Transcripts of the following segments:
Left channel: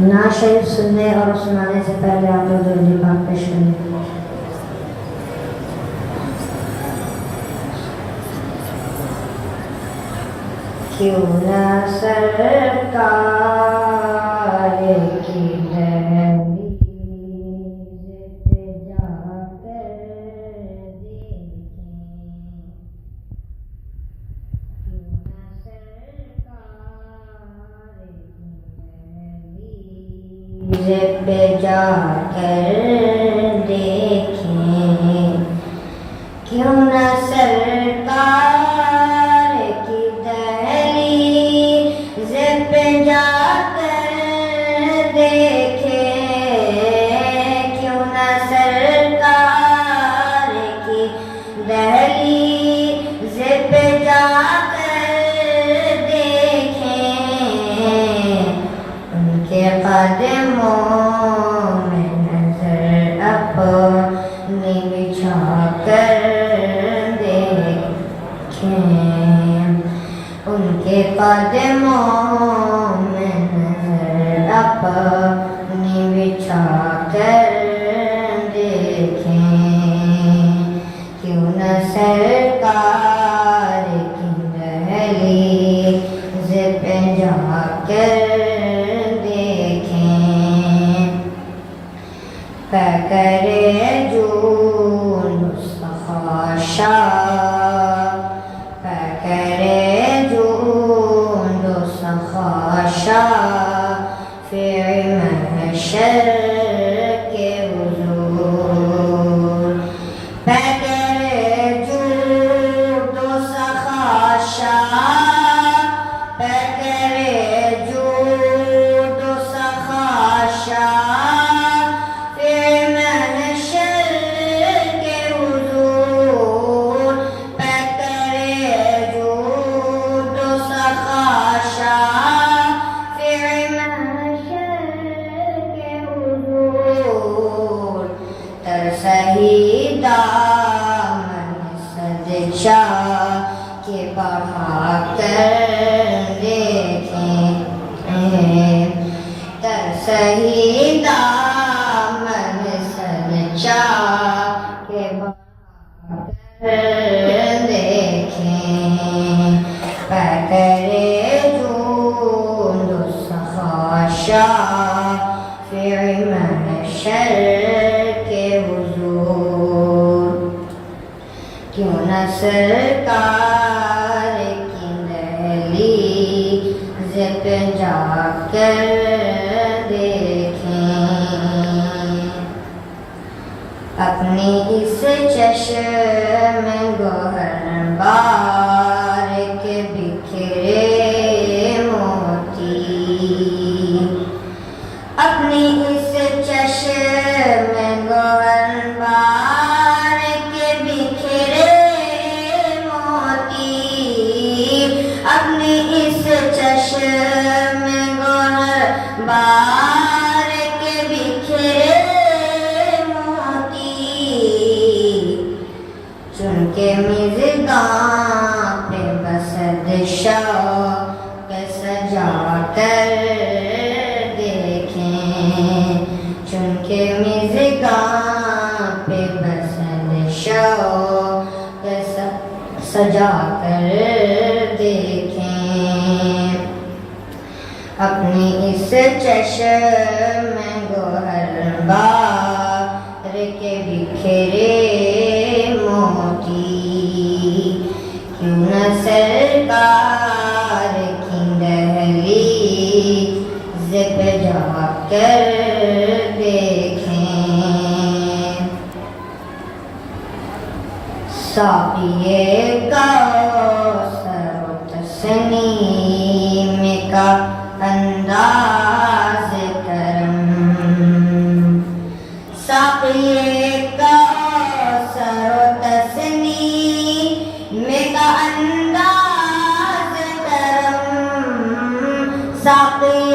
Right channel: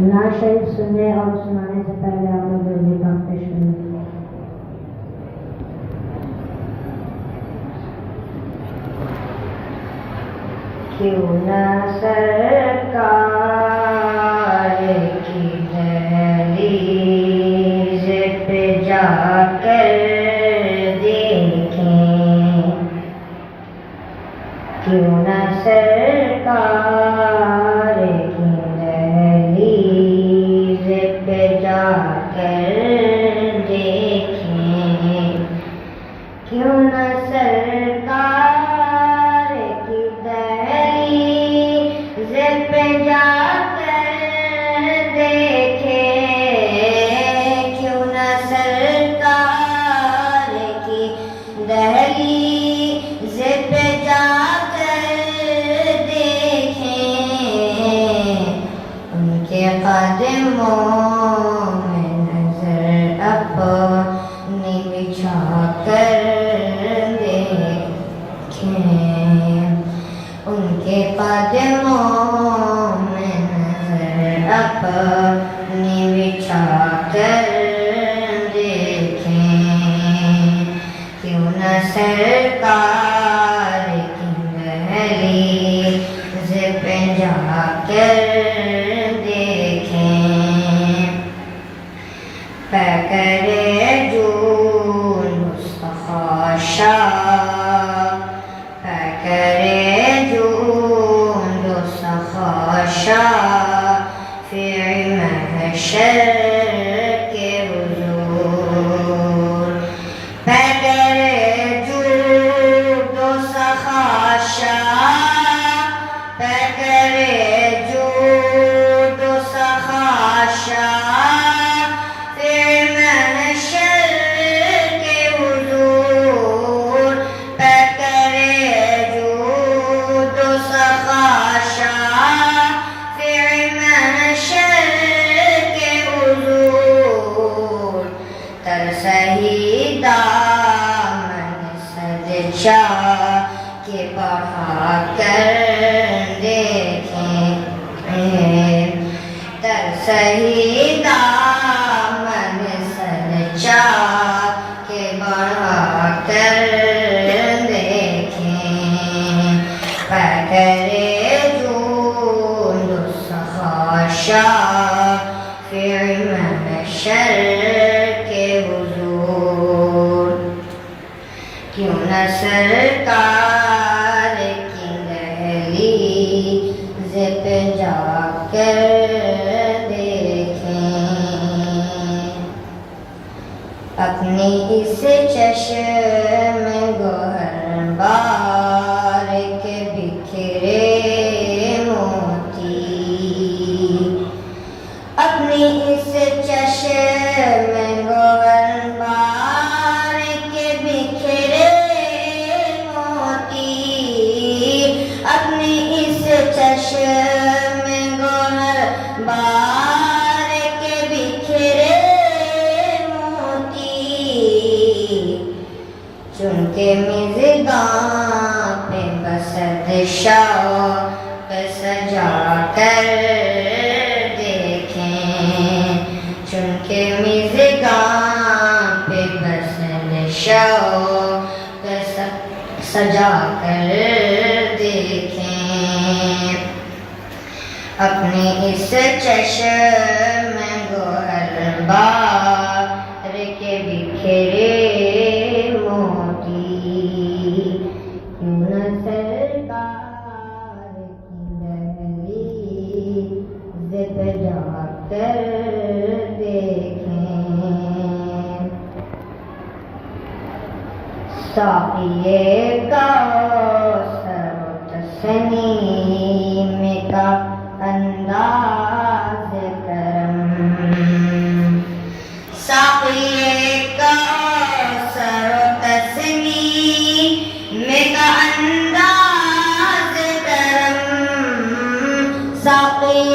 نعت شریف سننے اور سنانے سے پہلے آپ لوگ درود پاک پیش کریں. کیوں نہ سرکار کی دہلیز پہ جا کر دیکھیں، کیوں نہ سرکار کی دہلیز پہ جا کر دیکھیں، کیوں نہ سرکار کی دہلیز پہ جا کر دیکھیں، کیوں نہ سرکار کی دہلیز پہ جا کر دیکھیں، ان کے قدموں میں نظر اپنی بچھا کر دیکھیں، ان کے قدموں میں نظر اپنی بچھا کر دیکھیں، کیوں نہ سرکار کی دہلیز پہ جا کر دیکھیں. پیکرِ جون مصطفیٰ شاہ، پیکرِ جون مصطفیٰ شاہ، فی محشر کے حضور. پیکرِ جون مصطفیٰ شاہ، پیکرِ جون مصطفیٰ شاہ، ترسہی دامن سجدہ کے بڑھا کر دیکھیں، ترسہی دامن سجدہ کے بڑھا کر دیکھیں. پیکرِ جون مصطفیٰ شاہ، فی محشر کے حضور. کیوں نہ سرکار کی دہلیز پہ جا کر دیکھیں، اپنی اس چشم گوہر بار کے بکھرے موتی، اپنی اس چشم گوہر بار کے بکھرے موتی، اپنی اس چشم گوہر بار کے بکھرے موتی، چن کے مژگاں پہ بسد شوق سجا کر دیکھیں، چن کے مژگاں پہ بسد شوق سجا کر دیکھیں، اپنی اس چشم گوہر بار کے بکھرے موتی. کیوں نہ سرکار کی دہلیز پہ جا کر دیکھیں. ساقیِ کوثر و تسنیم کا انداز کرم، ساقیِ کوثر و تسنیم کا انداز کرم، ساقیِ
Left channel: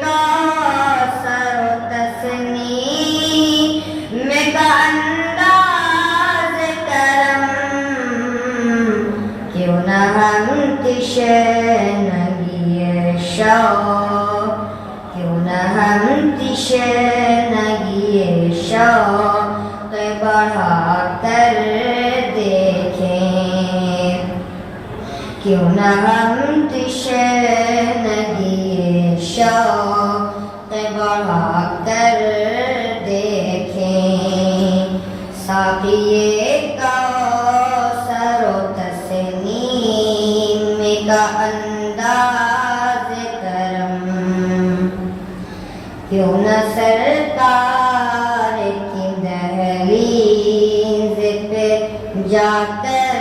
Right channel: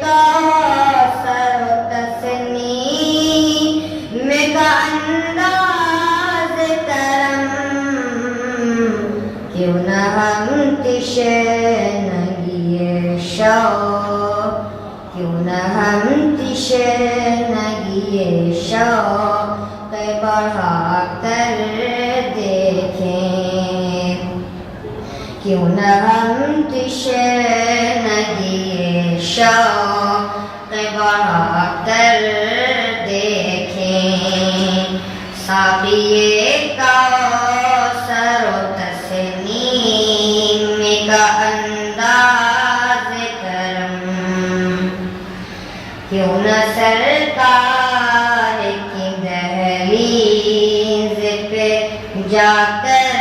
کوثر و تسنیم کا انداز کرم. کیوں نہ ہم تشنگی ہم تشنگی شوق بڑھا کر دیکھیں کیوں نہ ہم تشنگی شوق بڑھا کر دیکھیں ساقی کوثر و تسنیم کا انداز کرم کیوں نہ سرکار کی دہلیز پہ جا کر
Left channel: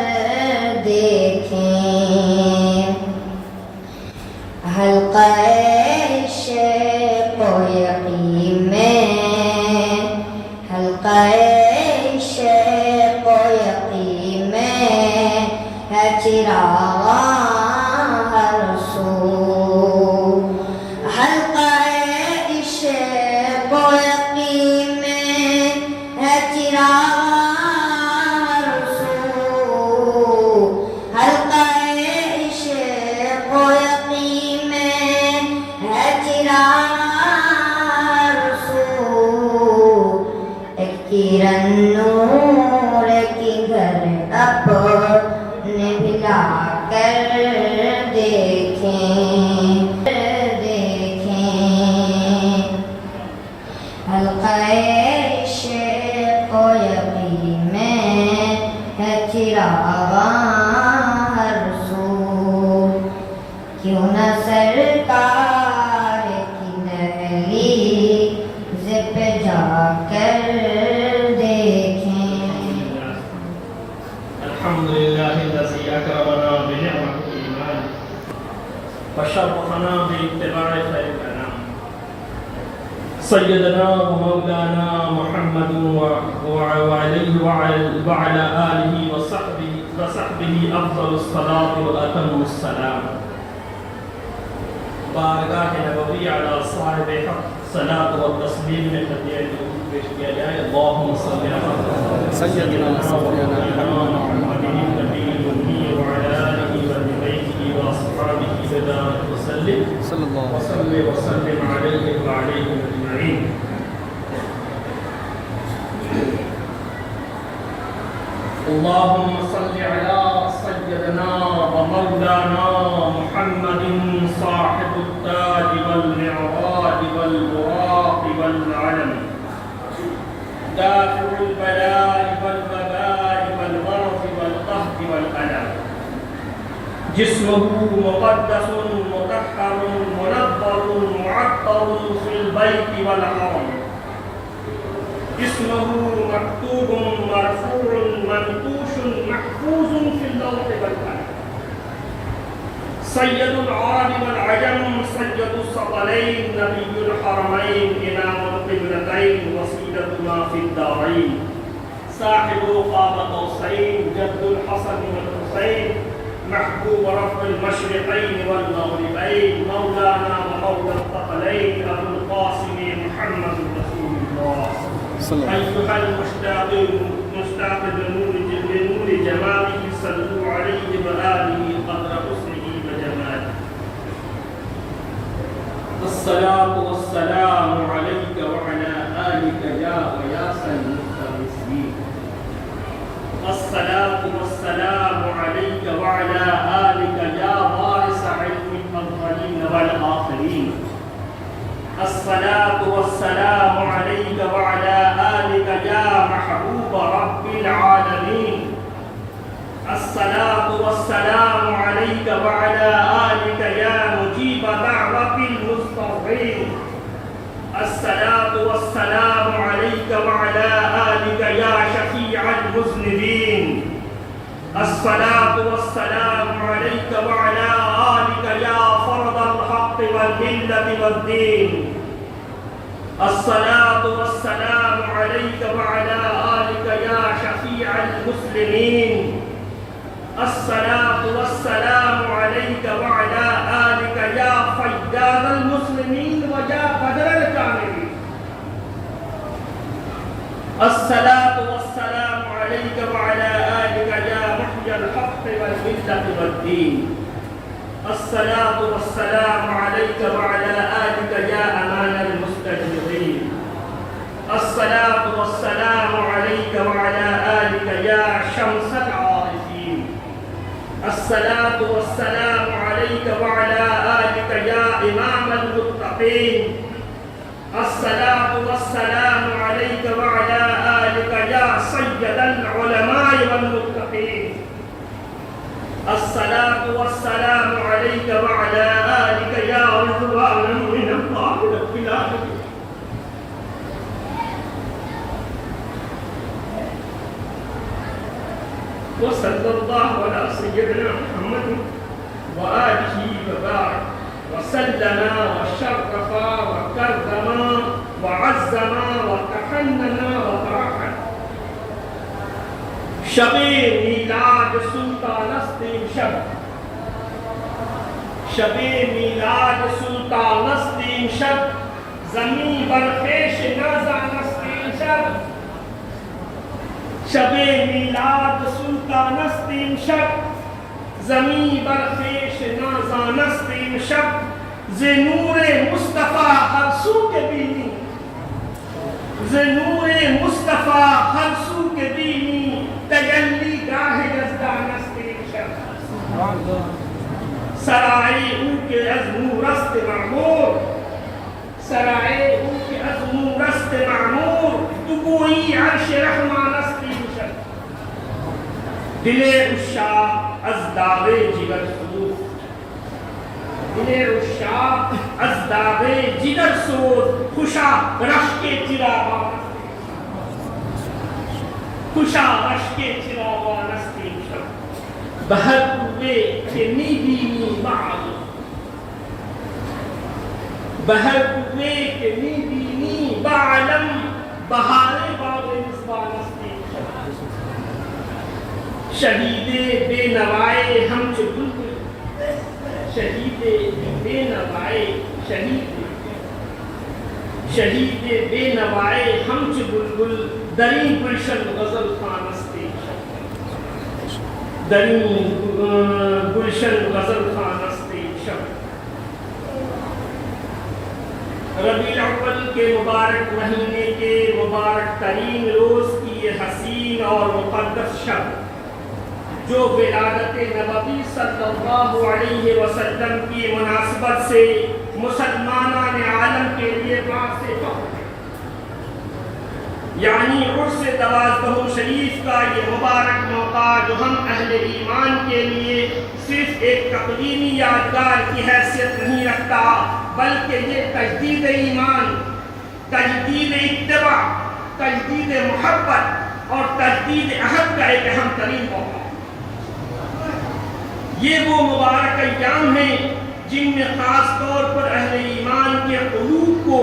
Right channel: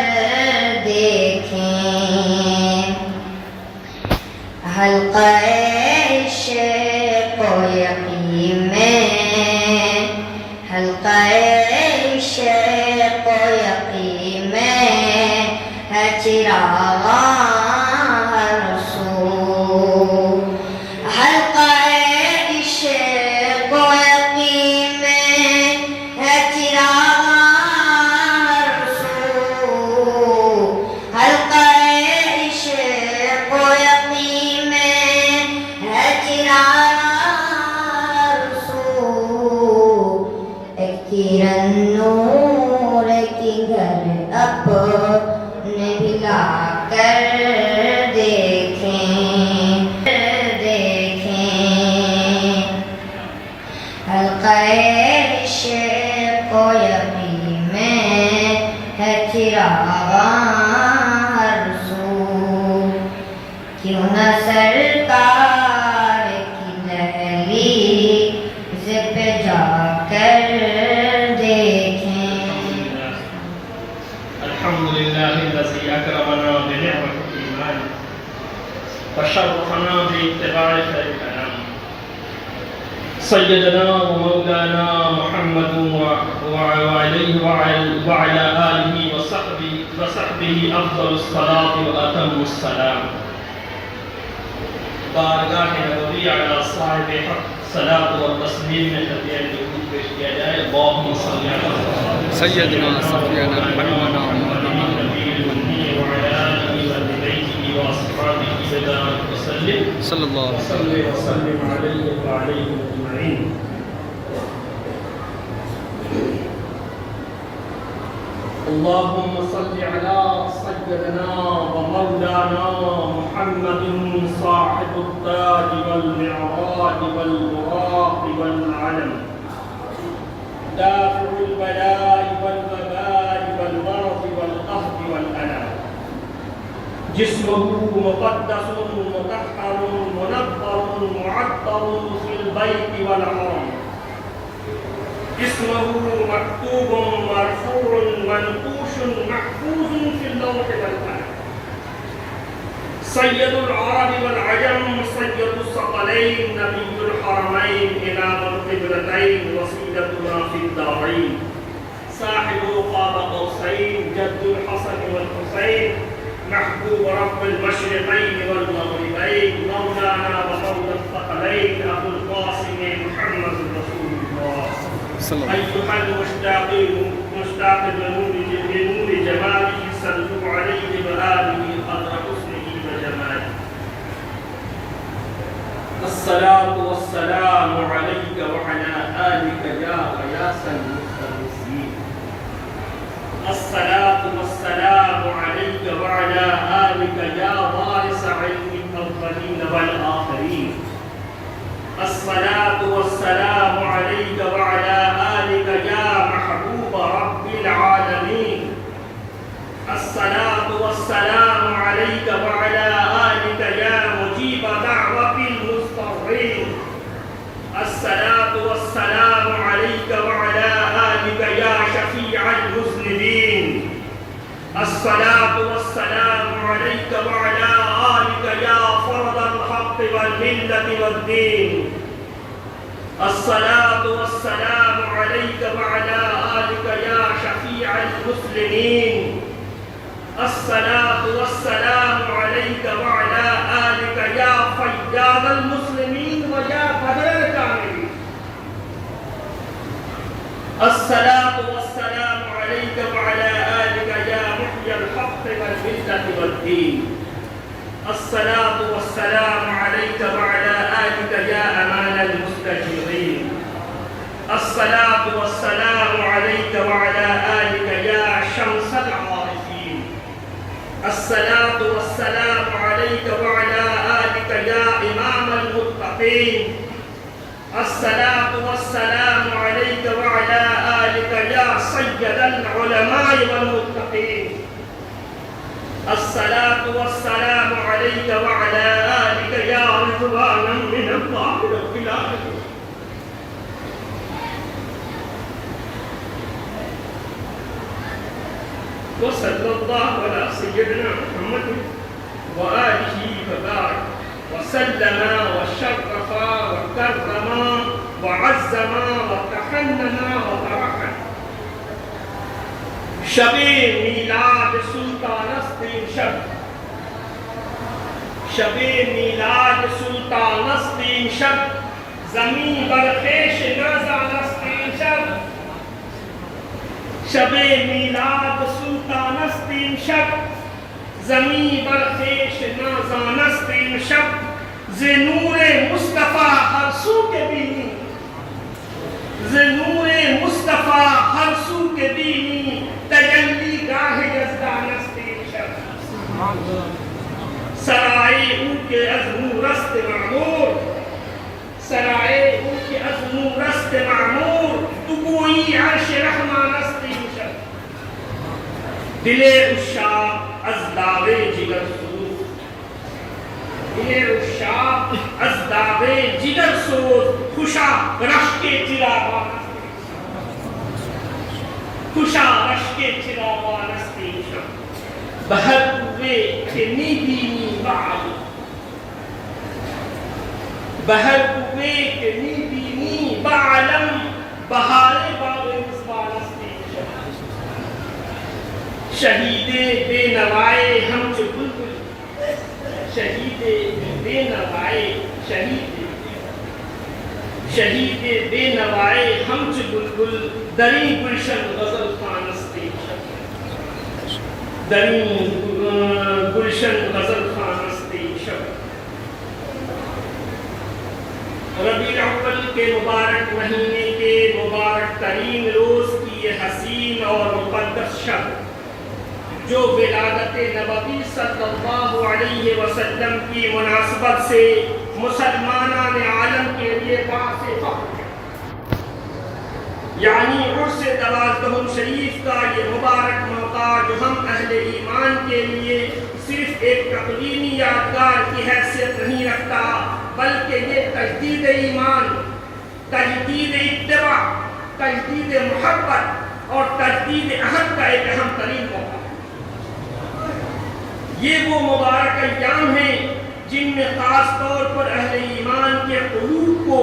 دیکھیں حلقہ عشق و یقین میں حلقہ عشق و یقین میں ہے چراغ ہر سو حلقہ عشق و یقین میں ہے چراغ ہر سو حلقہ عشق و یقین میں ہے چراغ ہر سو ایک کرن نور کی گھر اپنے بلا کر دیکھیں حلقہ عشق و یقین میں ہے چراغ ہر سو کیوں نہ سرکار کی دہلیز پہ جا کر الحمد لله الذي أكرمنا بنعمة الإيمان وشرفنا باتباع خير الأنام سيدنا ومولانا محمد وعليه وعلى آله وصحبه أفضل الصلاة وأتم السلام بارگاہ نبوی علی صاحب حق صلاۃ و تسلیم میں تدبیر وجود پیش کیا جائے اللہم صلی علی سیدنا صفینا حبیبنا وعلى آلہ وبیتہ واصحابہ وبارک وسلم صلی اللہ علیہ وسلم علیہ وعلیہ اجمعین اللهم صل على سيدنا ومولانا محمد صاحب التاج والمعراج والبراق والعلم دافع البلاء والوباء والمرض والقهر والألم جسمه مقدس مطهر منظر معطر في البيت والحرم اسمه مكتوب مرفوع منقوش محفوظ في اللوح والقلم سيد العرب والعجم سيد الثقلين نبي الحرمين إمام القبلتين وسيدتنا في الدارين صاحب قاب قوسين جد الحسن والحسين محبوب رب المشرقين والمغربين مولانا ومولى الثقلين أبو القاسم محمد رسول الله أيها المشتاق بنور جماله صلوا عليه وآله قدر حسنه وجماله الصلاة والسلام عليك وعلى آلك يا غياث المفترسين الصلاة والسلام عليك وعلى آلك يا وارث علم الأولين والآخرين الصلاة والسلام عليك وعلى آلك يا محبوب رب العالمين الصلاة والسلام عليك وعلى آلك يا مجيب دعوة المضطرين الصلاة والسلام عليك وعلى آلك يا شفيع المذنبين الصلاة والسلام عليك وعلى آلك يا فرد الحق والملة والدين الصلاة والسلام عليك وعلى آلك يا شفيع المسلمين الصلاة والسلام عليك وعلى آلك يا فياض المسلمين ويا بدر الكاملين الصلاة والسلام عليك وعلى آلك يا محيي الحق والملة والدين الصلاة والسلام عليك وعلى آلك يا أمان المستقيم الصلاة والسلام عليك وعلى آلك يا إمام المتقين الصلاة والسلام عليك وعلى آلك يا سيد العلماء والمتقين الصلاة والسلام عليك وعلى آلك يا رضوانا من الله رب العالمين وصلى الله على سيدنا محمد وآله وبارك وسلم وشرف وكرم وعزم وتحنن وبارك شب میلاد سلطان است امشب شب میلاد سلطان است امشب زمین بر خویش نازان است امشب شب میلاد سلطان است امشب زمین بر خویش نازان است امشب ز نور مصطفی ہر سو کے بینی ز نور مصطفی ہر سو کے بینی تجلی گاہ یزدان است امشب سرائے او کے از نورست معمور سرائے او کے از نورست معمور تو کوئی عرش رحمان است امشب دل عشاق از داغ جگر سوز دل عشاق از داغ جگر سوز خوشا رشک چراغان است خوشا رشک چراغان است امشب بہر ہوئے کہ میبینی بعد بہر ہوئے کہ میبینی بعلم بہار باغ مصبان است امشب شہید بے نوائے ہم چو بلبل شہید بے نوائے شہید بے نوائے ہم چو بلبل دری گلشن غزل خان است دری گلشن غزل خان است امشب ربیع الاول کے مبارک مہینے کے مبارک ترین روز کی یہ حسین اور مقدس شب جو ولادت نبوی صلی اللہ علیہ وسلم کی مناسبت سے مسلمانان عالم کے لیے باعث فخر ہے یعنی عرس دوازدہم شریف کا یہ مبارک موقع جو ہم اہل ایمان کے لیے صرف ایک تقریبی یادگار کی حیثیت نہیں رکھتا بلکہ یہ تجدید ایمان تجدید اتباع تجدید محبت اور تجدید عہد کا ایک اہم ترین موقع ہے یہ وہ مبارک ایام ہیں جن میں خاص طور پر اہل ایمان کے قلوب کو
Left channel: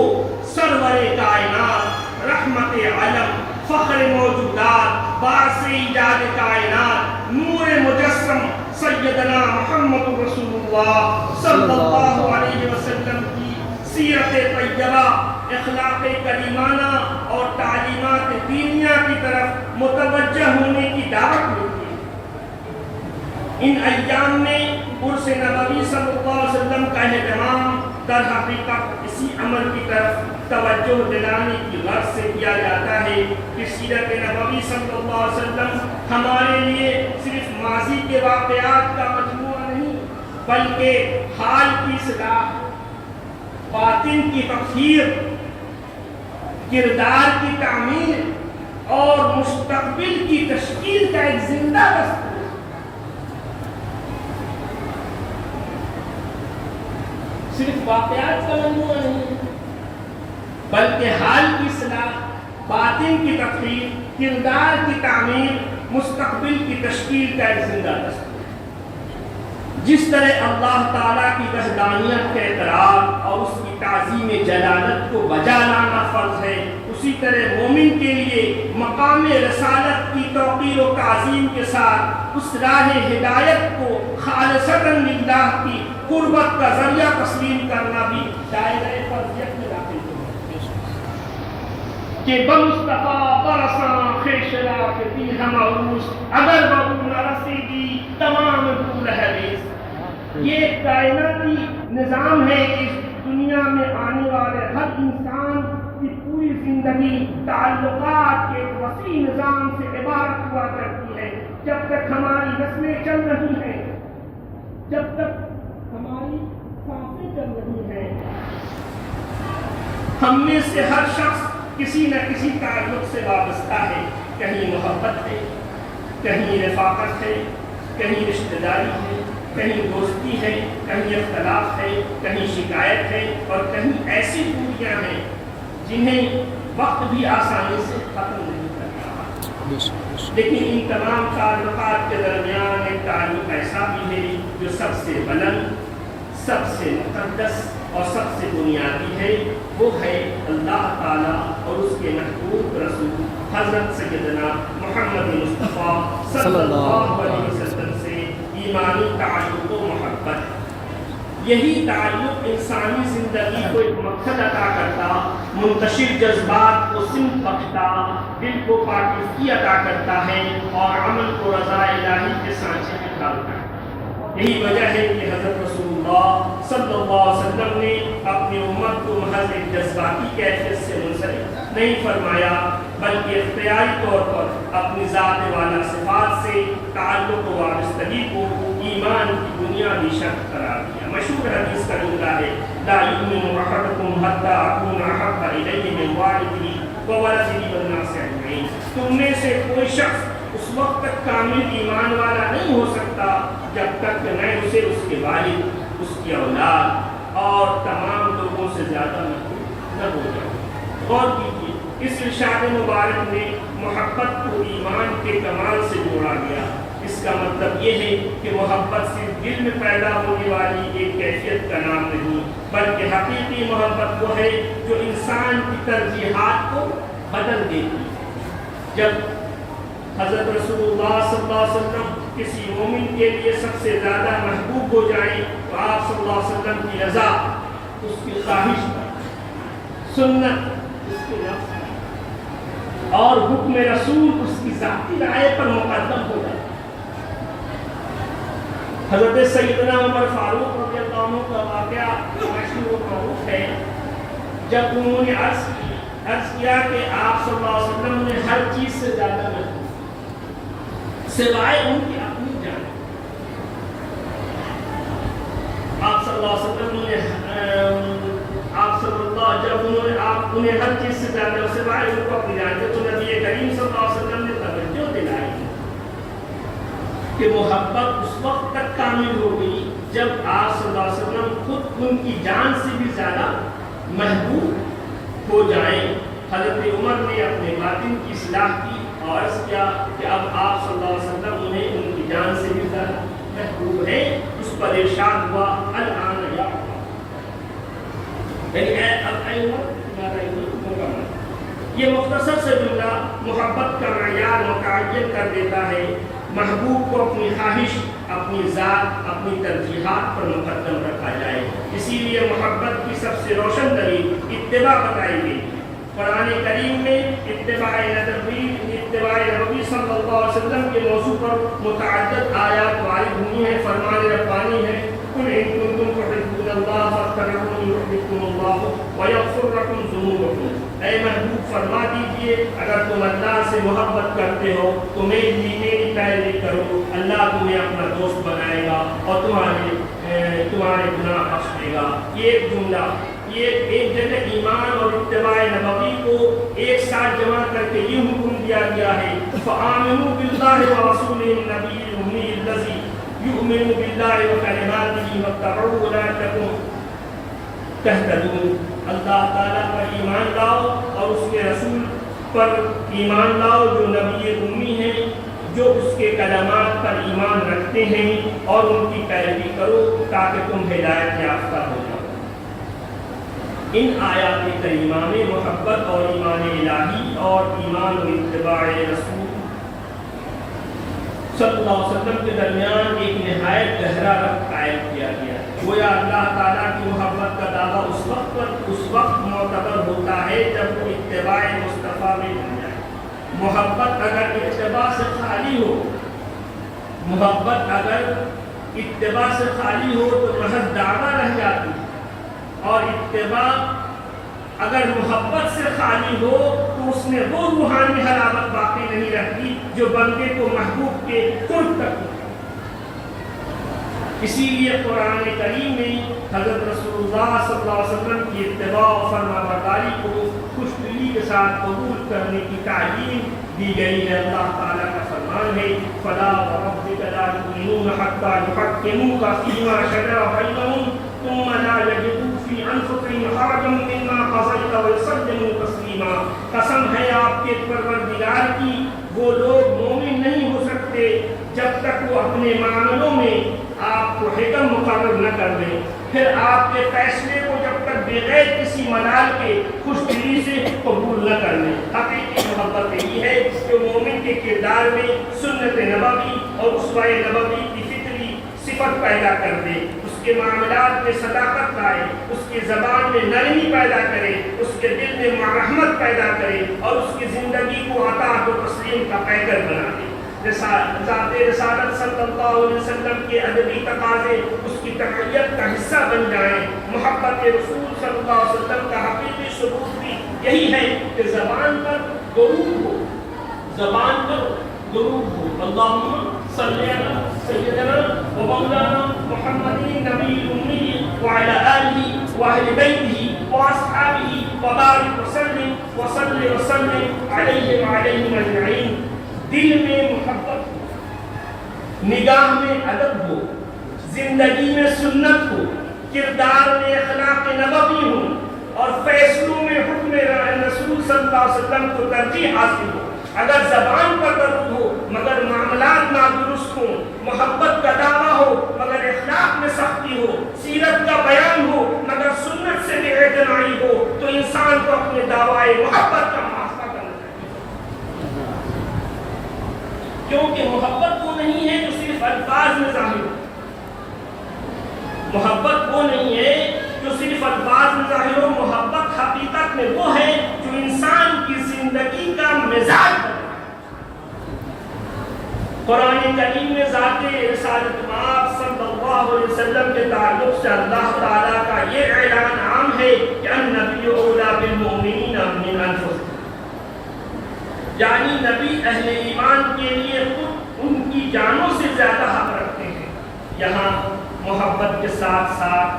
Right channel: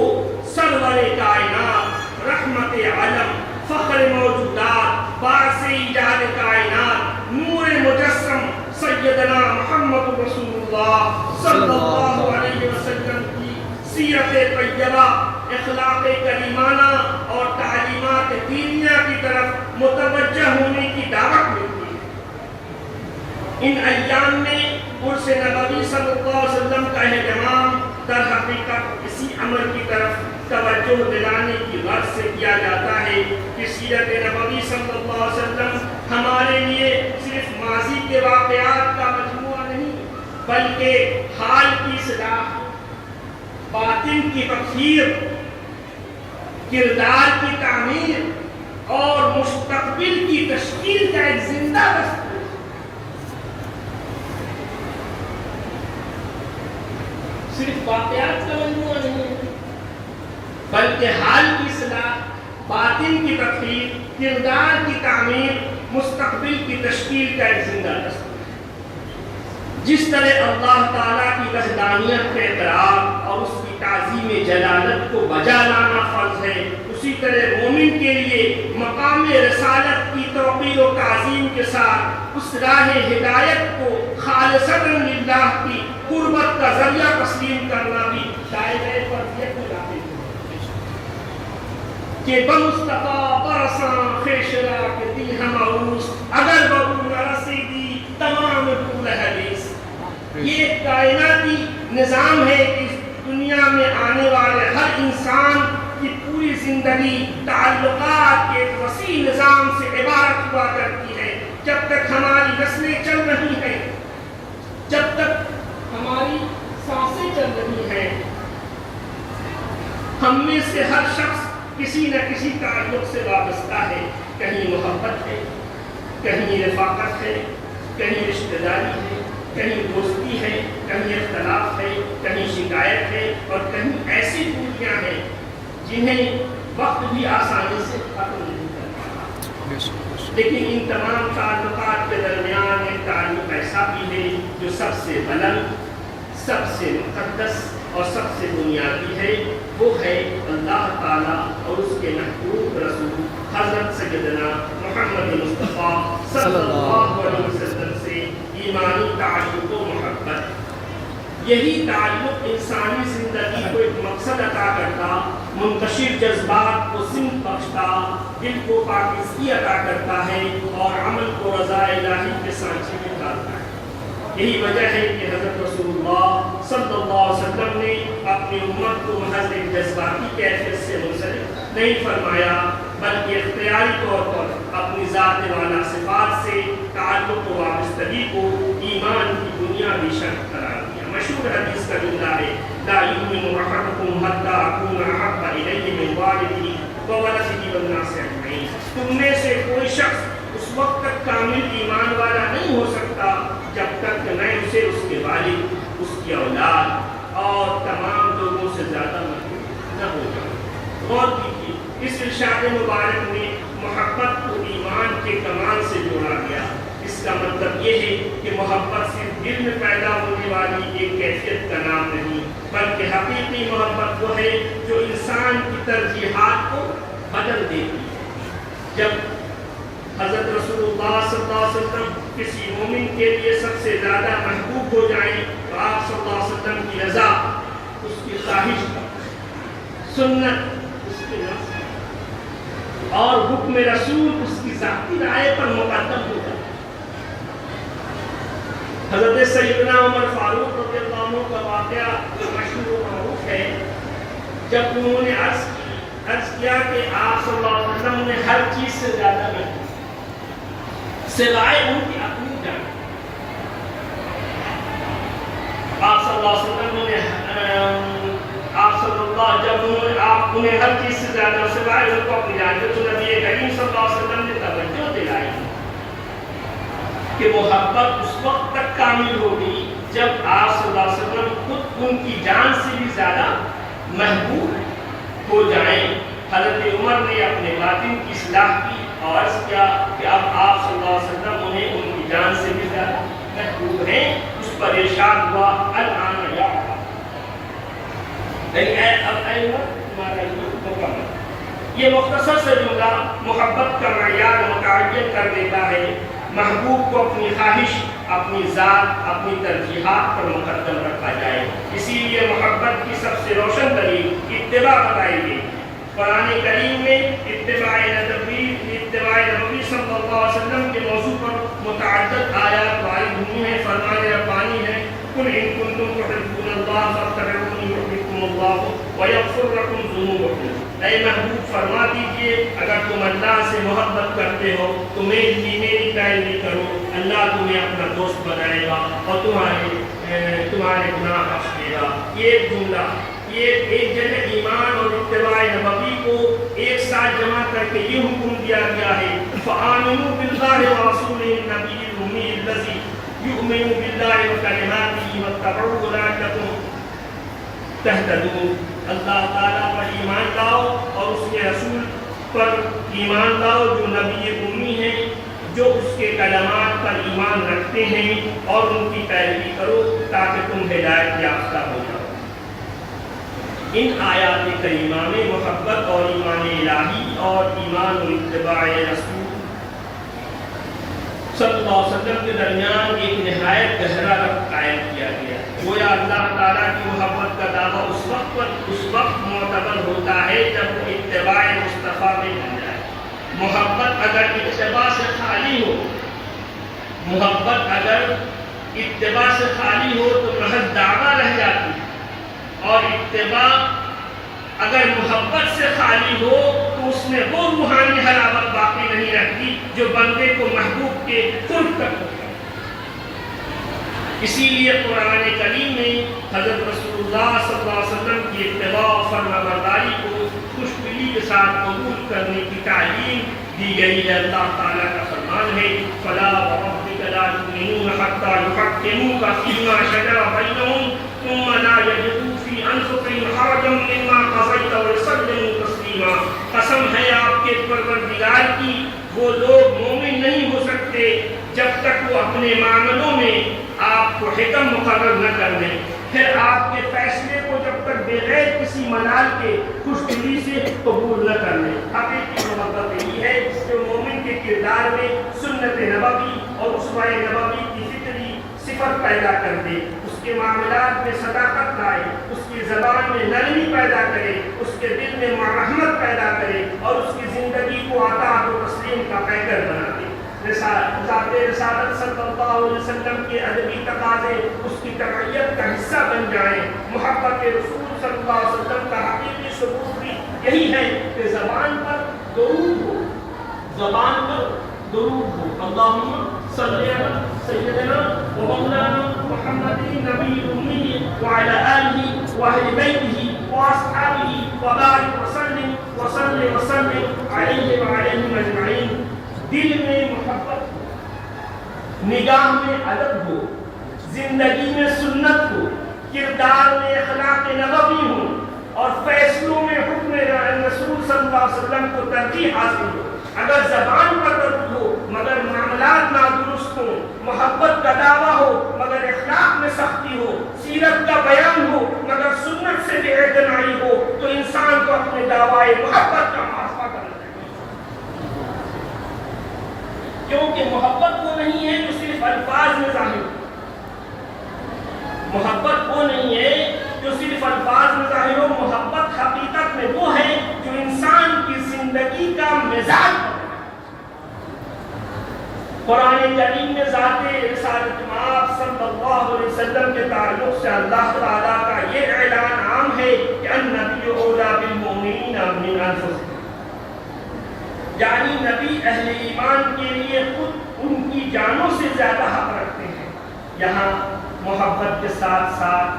سرور کائنات رحمت عالم فخر موجودات باعث ایجاد کائنات نور مجسم سیدنا محمد رسول اللہ صلی اللہ علیہ وسلم کی سیرت طیبہ اخلاق کریمانہ اور تعلیمات دینیہ کی طرف متوجہ ہونے کی دعوت ملتی ہے ان ایام میں عرس نبوی صلی اللہ علیہ وسلم کا اہتمام در حقیقت اسی عمل کی طرف توجہ دلانے کی غرض سے کیا جاتا ہے کہ سیرت نبوی صلی اللہ علیہ وسلم ہمارے لیے صرف ماضی کے واقعات کا مجموعہ نہیں بلکہ حال کی اصلاح باطن کی تطہیر کردار کی تعمیر اور مستقبل کی تشکیل کا ایک زندہ دستور صرف واقعات کا مجموعہ نہیں بلکہ حال کی اصلاح باطن کی تطہیر کردار کی تعمیر مستقبل کی تشکیل کا ایک زندہ دستور جس طرح اللہ تعالیٰ کی وحدانیت کا اقرار اور اس کی تعظیم جلالت کو بجا لانا فرض ہے اسی طرح مومن کے لیے مقام رسالت کی توقیر و تعظیم کے ساتھ اس راہ ہدایت کو خالصتاً للہ کی قربت کا ذریعہ تسلیم کرنا بھی دائرۂ فرضیت میں داخل ہے کہ بمصطفیٰ برساں خیشرا کے دی ہم عروس اگر بہو نہ رسیدی تمام طول حدیث یہ کائناتی نظام ہے کہ دنیا میں آنے والے ہر انسان کی پوری زندگی تعلقات کے ایک وسیع نظام سے عبارت ہوا کرتی ہے جب تک ہماری نسلیں چل رہی ہیں جب تک ہماری سانسیں چل رہی ہیں ہم میں سے ہر شخص کسی نہ کسی تعلق سے وابستہ ہے. کہیں محبت ہے، کہیں رفاقت ہے، کہیں رشتہ داری ہے، کہیں دوستی ہے، کہیں اختلاف ہے، کہیں شکایت ہے، اور کہیں ایسی دوریاں ہیں جنہیں وقت بھی آسانی سے ختم نہیں کر پاتا. لیکن ان تمام تعلقات کے درمیان ایک تعلق ایسا بھی ہے جو سب سے بلند، سب سے مقدس اور سب سے بنیادی ہے. وہ ہے اللہ تعالیٰ اور اس کے محبوب رسول حضرت سیدنا محمد مصطفیٰ صلی اللہ علیہ وسلم سے ایمانی تعلق و محبت. یہی تعلق انسانی زندگی کو ایک مقصد عطا کرتا، منتشر جذبات کو سمت بخشتا، دل کو پاکیزگی عطا کرتا ہے اور عمل کو رضا الہی کے سانچے میں ڈالتا ہے. یہی وجہ ہے کہ حضرت رسول اللہ صلی اللہ علیہ وسلم نے اپنی امت کو محض ایک جذباتی کیفیت سے منسلک نہیں فرمایا، بلکہ اختیاری طور پر اپنی ذات والا صفات سے تعلق و وابستگی کو ایمان کی بنیادی شرط قرار دیا. مشہور حدیث کا جملہ ہے لا یؤمن احدکم حتی اکون احب الیہ من والدہ وولدہ والناس اجمعین. تم میں سے کوئی شخص اس وقت تک کامل ایمان والا نہیں ہو سکتا جب تک کہ میں اسے اس کے والد، اس کی اولاد اور تمام لوگوں سے زیادہ محبوب نہ ہو جاؤں. غور کیجیے، اس ارشاد مبارک میں محبت کو ایمان کے کمال سے جوڑا گیا. اس کا مطلب یہ ہے کہ محبت صرف دل میں پیدا ہونے والی ایک کیفیت کا نام نہیں، بلکہ حقیقی محبت وہ ہے جو انسان کی ترجیحات کو بدل دیتی ہے. جب حضرت رسول اللہ صلی اللہ علیہ وسلم کسی مومن کے لیے سب سے زیادہ محبوب ہو جائیں تو آپ صلی اللہ علیہ وسلم کی رضا اس کی خواہش پر، سنت اس کے نفس پر، اور حکم رسول اس کی ذاتی رائے پر مقدم ہو جاتا. حضرت سیدنا عمر فاروق رضی اللہ عنہ کا واقعہ مشہور و معروف ہے. جب انہوں نے عرض کیا کہ آپ صلی اللہ علیہ وسلم نے ہر چیز سے زیادہ محبوب سوائے ان کی اپنی جان. آپ صلی اللہ علیہ وسلم نے جب آپ انہیں ہر چیز سے زیادہ سوائے ان کو اپنی جان دے تو نبی کریم صلی اللہ علیہ وسلم نے توجہ دلائی کہ محبت اس وقت تک کامل ہوگی جب آپ صلی اللہ علیہ وسلم خود ان کی جان سے بھی زیادہ محبوب ہو جائیں. حضرت عمر نے اپنے باطن کی اصلاح کی اور عرض کیا کہ اب آپ صلی اللہ علیہ وسلم انہیں ان کی جان سے بھی زیادہ محبوب ہیں. اس پر ارشاد ہوا الآن یا تمہارا مکمل. یہ مختصر سے جملہ محبت کا معیار متعین کر دیتا ہے. محبوب کو اپنی خواہش، اپنی ذات، اپنی ترجیحات پر مقدم رکھا جائے. اسی لیے محبت کی سب سے روشن ترین اتباع بتائی گئی. قرآن کریم میں اتباع نبی صلی اللہ علیہ وسلم کے موضوع پر متعدد آیات وارد ہوئی ہیں. فرمان ربانی ہے قل ان کنتم تحبون اللہ فاتبعونی یحببکم اللہ ویغفر لکم ذنوبکم. اے محبوب فرما دیجئے اگر تم اللہ سے محبت کرتے ہو تو میری پیروی کرو، اللہ تمہیں اپنا دوست بنائے گا اور تمہارے گناہ بخش دے گا. یہ ایک جملہ، یہ ایک جگہ ایمان اور اتباع نبوی کو ایک ساتھ جمع کر کے یہ حکم دیا گیا ہے فآمنوا باللہ ورسولہ النبی الأمی الذی یؤمن باللہ وکلماتہ واتبعوہ لعلکم تہتدون. اللہ تعالیٰ پر ایمان لاؤ اور اس کے رسول پر ایمان لاؤ جو نبی امی ہیں، جو اس کے کلمات پر ایمان رکھتے ہیں، اور ان کی پیروی کرو تاکہ تم ہدایت یافتہ ہو جاؤ. ان آیات کریمہ میں محبت اور ایمان الہی اور ایمان و اتباع رسول صلی اللہ علیہ وسلم کے درمیان ایک نہایت گہرا ربط قائم کیا گیا. گویا اللہ تعالیٰ کی محبت کا دعویٰ اس وقت معتبر ہوتا ہے جب وہ اتباع مصطفیٰ میں بن جائے. محبت اگر اتباع سے خالی ہو تو محض دعویٰ رہ جاتی ہے، اور اتباع اگر محبت سے خالی ہو تو اس میں وہ روحانی حلاوت باقی نہیں رہتی جو بندے کو محبوب کے قرب تک ہو. اسی لیے قرآن کریم میں حضرت رسول اللہ صلی اللہ علیہ وسلم کی اتباع و فرمانبرداری کو خوش دلی کے ساتھ قبول کرنے کی تعلیم دی گئی ہے۔ اللہ تعالیٰ کا فرمان ہے فلا وربک لا یؤمنون حتی یحکموک فیما شجر بینہم ثم لا یجدوا فی انفسہم حرجا مما قضیت ویسلموا تسلیما۔ قسم ہے آپ کے پروردگار کی، وہ لوگ مومن نہیں ہو سکتے جب تک وہ اپنے معاملوں میں آپ کو حکم مقرر نہ کر دیں، پھر آپ کے فیصلے کو جب تک بغیر کسی ملال کے خوش دلی سے قبول نہ کر لیں۔ حقیقی محبت یہی ہے جو مومن کے کردار میں سنت نبوی اور اسوہ نبوی کی فطری صفت پیدا کر دے، اس کے معاملات میں صداقت لائے، اس کی زبان میں نرمی پیدا کرے، اس کے دل میں مرحمت پیدا کرے اور اس کی زندگی کو اطاعت و تسلیم کا پیکر بنا دے۔ ذات رسالت صلی اللہ علیہ وسلم کے ادبی تقاضے اس کی تربیت کا حصہ بن جائیں۔ محبت رسول صلی اللہ علیہ وسلم کا حقیقی ثبوت بھی یہی ہے کہ زبان پر درود ہو، زبان پر درود ہو۔ اللہم صلی علی سیدنا و مولانا محمد نبی امی وعلی آلہ واہل بیتہ واصحابہ وبارک وسلم علیہ وعلیہم اجمعین۔ دل میں محبت، نگاہ میں ادب ہو، زندگی میں سنت ہو، کردار میں اخلاق نبوی ہو اور فیصلوں میں حکم رسول صلی اللہ علیہ وسلم کو ترجیح حاصل ہو۔ اگر زبان پر درود ہو مگر معاملات نادرست ہوں، محبت کا دعویٰ ہو مگر اخلاق میں سختی ہو، سیرت کا بیان ہو مگر سنت سے بے اعتنائی ہو، تو انسان کو اپنے دعوی محبت کا محاسبہ کرنا چاہیے۔ کیونکہ محبت وہ نہیں ہے جو صرف الفاظ میں ظاہر ہو، محبت وہ نہیں ہے جو صرف الفاظ میں ظاہر ہو، محبت حقیقت میں وہ ہے جو انسان کی زندگی کا مزاج بدلے۔ قرآن کریم میں ذات رسالت مآب صلی اللہ علیہ وسلم کے تعلق سے اللہ تعالیٰ کا یہ اعلان عام ہے کہ النبی اولیٰ بالمؤمنین من انفسہم، یعنی نبی اہل ایمان کے لیے خود ان کی جانوں سے زیادہ حق رکھتے ہیں۔ یہاں محبت کے ساتھ ساتھ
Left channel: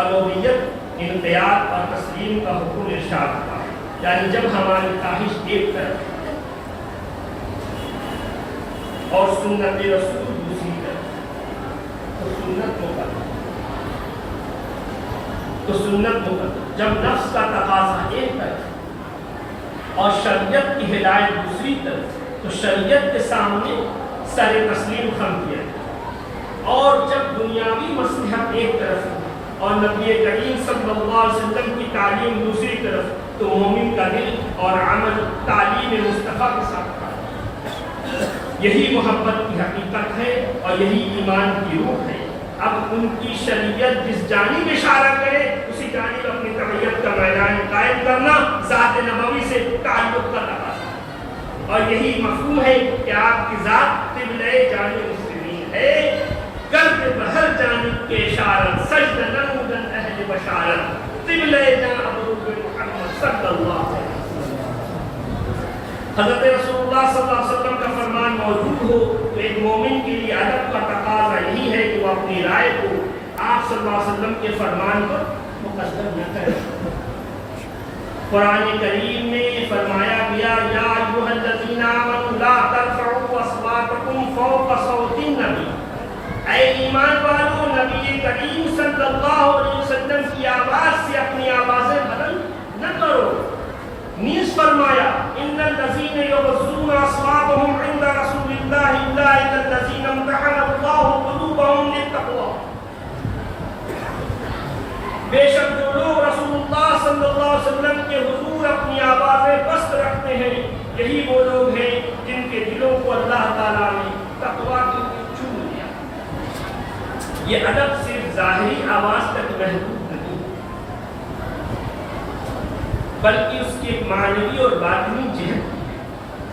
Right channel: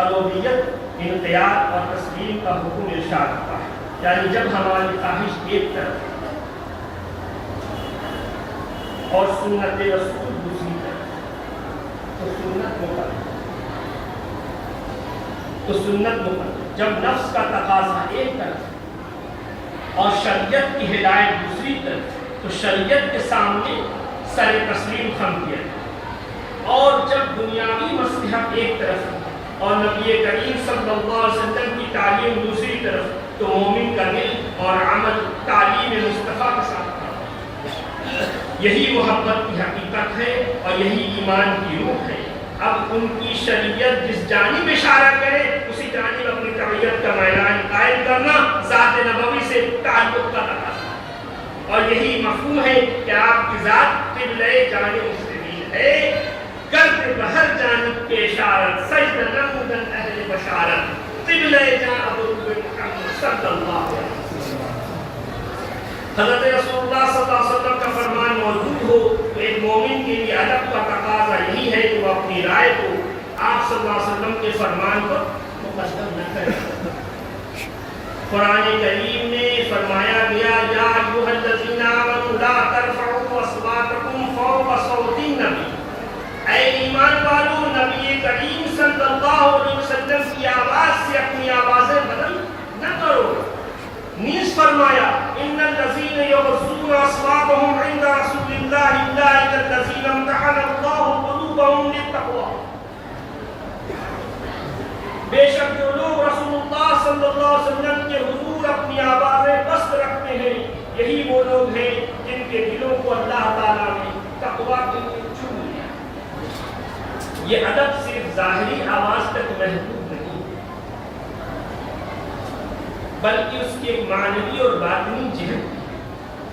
الوہیت، انقیاد اور تسلیم کا حکم ارشاد ہوا ہے، یعنی جب ہماری خواہش ایک طرف اور سنت رسول دوسری طرف، تو سنت مقدم۔ جب نفس کا تقاضا ایک طرف اور شریعت کی ہدایت دوسری طرف، تو شریعت کے سامنے سر تسلیم خم کیا جائے۔ اور جب دنیاوی مصلحت ایک طرف اور نبی کریم صلی اللہ علیہ وسلم کی تعلیم دوسری طرف، تو مومن کا دل اور عمل تعلیم مصطفیٰ کے ساتھ تھا۔ یہی محبت کی حقیقت ہے اور یہی ایمان کی روح ہے۔ اب ان کی شریعت جس جانب اشارہ کرے اسی جانب اپنی طبیعت کا میدان قائم کرنا ذات نبوی سے تعلق کا تقاضا ہے۔ اور یہی مفہوم ہے کہ آپ کی ذات قبلہ جانب مسلمین ہے، کرتے بہر جانب کے اشارت، سجدہ نمودن اہل بشارت، قبلہ جان ابروب محمد صلی اللہ علیہ وسلم۔ حضرت رسول اللہ صلی اللہ علیہ وسلم کا فرمان موجود ہو تو ایک مومن کے لیے ادب کا تقاضا یہی ہے کہ وہ اپنی رائے کو آپ صلی اللہ علیہ وسلم کے فرمان پر مقدم نہ کرے۔ قرآن کریم میں فرمایا گیا یا ایھا الذین آمنوا لا ترفعوا اصواتکم فوق صوت النبی، اے ایمان والو نبی کریم صلی اللہ علیہ وسلم کی آواز سے اپنی آوازیں بلند نہ کرو۔ نیز فرمایا ان الذین یغضون اصواتهم عند رسول اللہ اولئک الذین امتحن اللہ قلوبهم للتقوی، بے شک جو لوگ رسول اللہ صلی اللہ علیہ وسلم کے حضور اپنی آوازیں پست رکھتے ہیں یہی وہ لوگ ہیں جن کے دلوں کو اللہ تعالیٰ نے تقوی کے لیے چن لیا۔ یہ ادب صرف ظاہری آواز تک محدود نہیں بلکہ اس کی ایک معنوی اور باطنی جہت ہے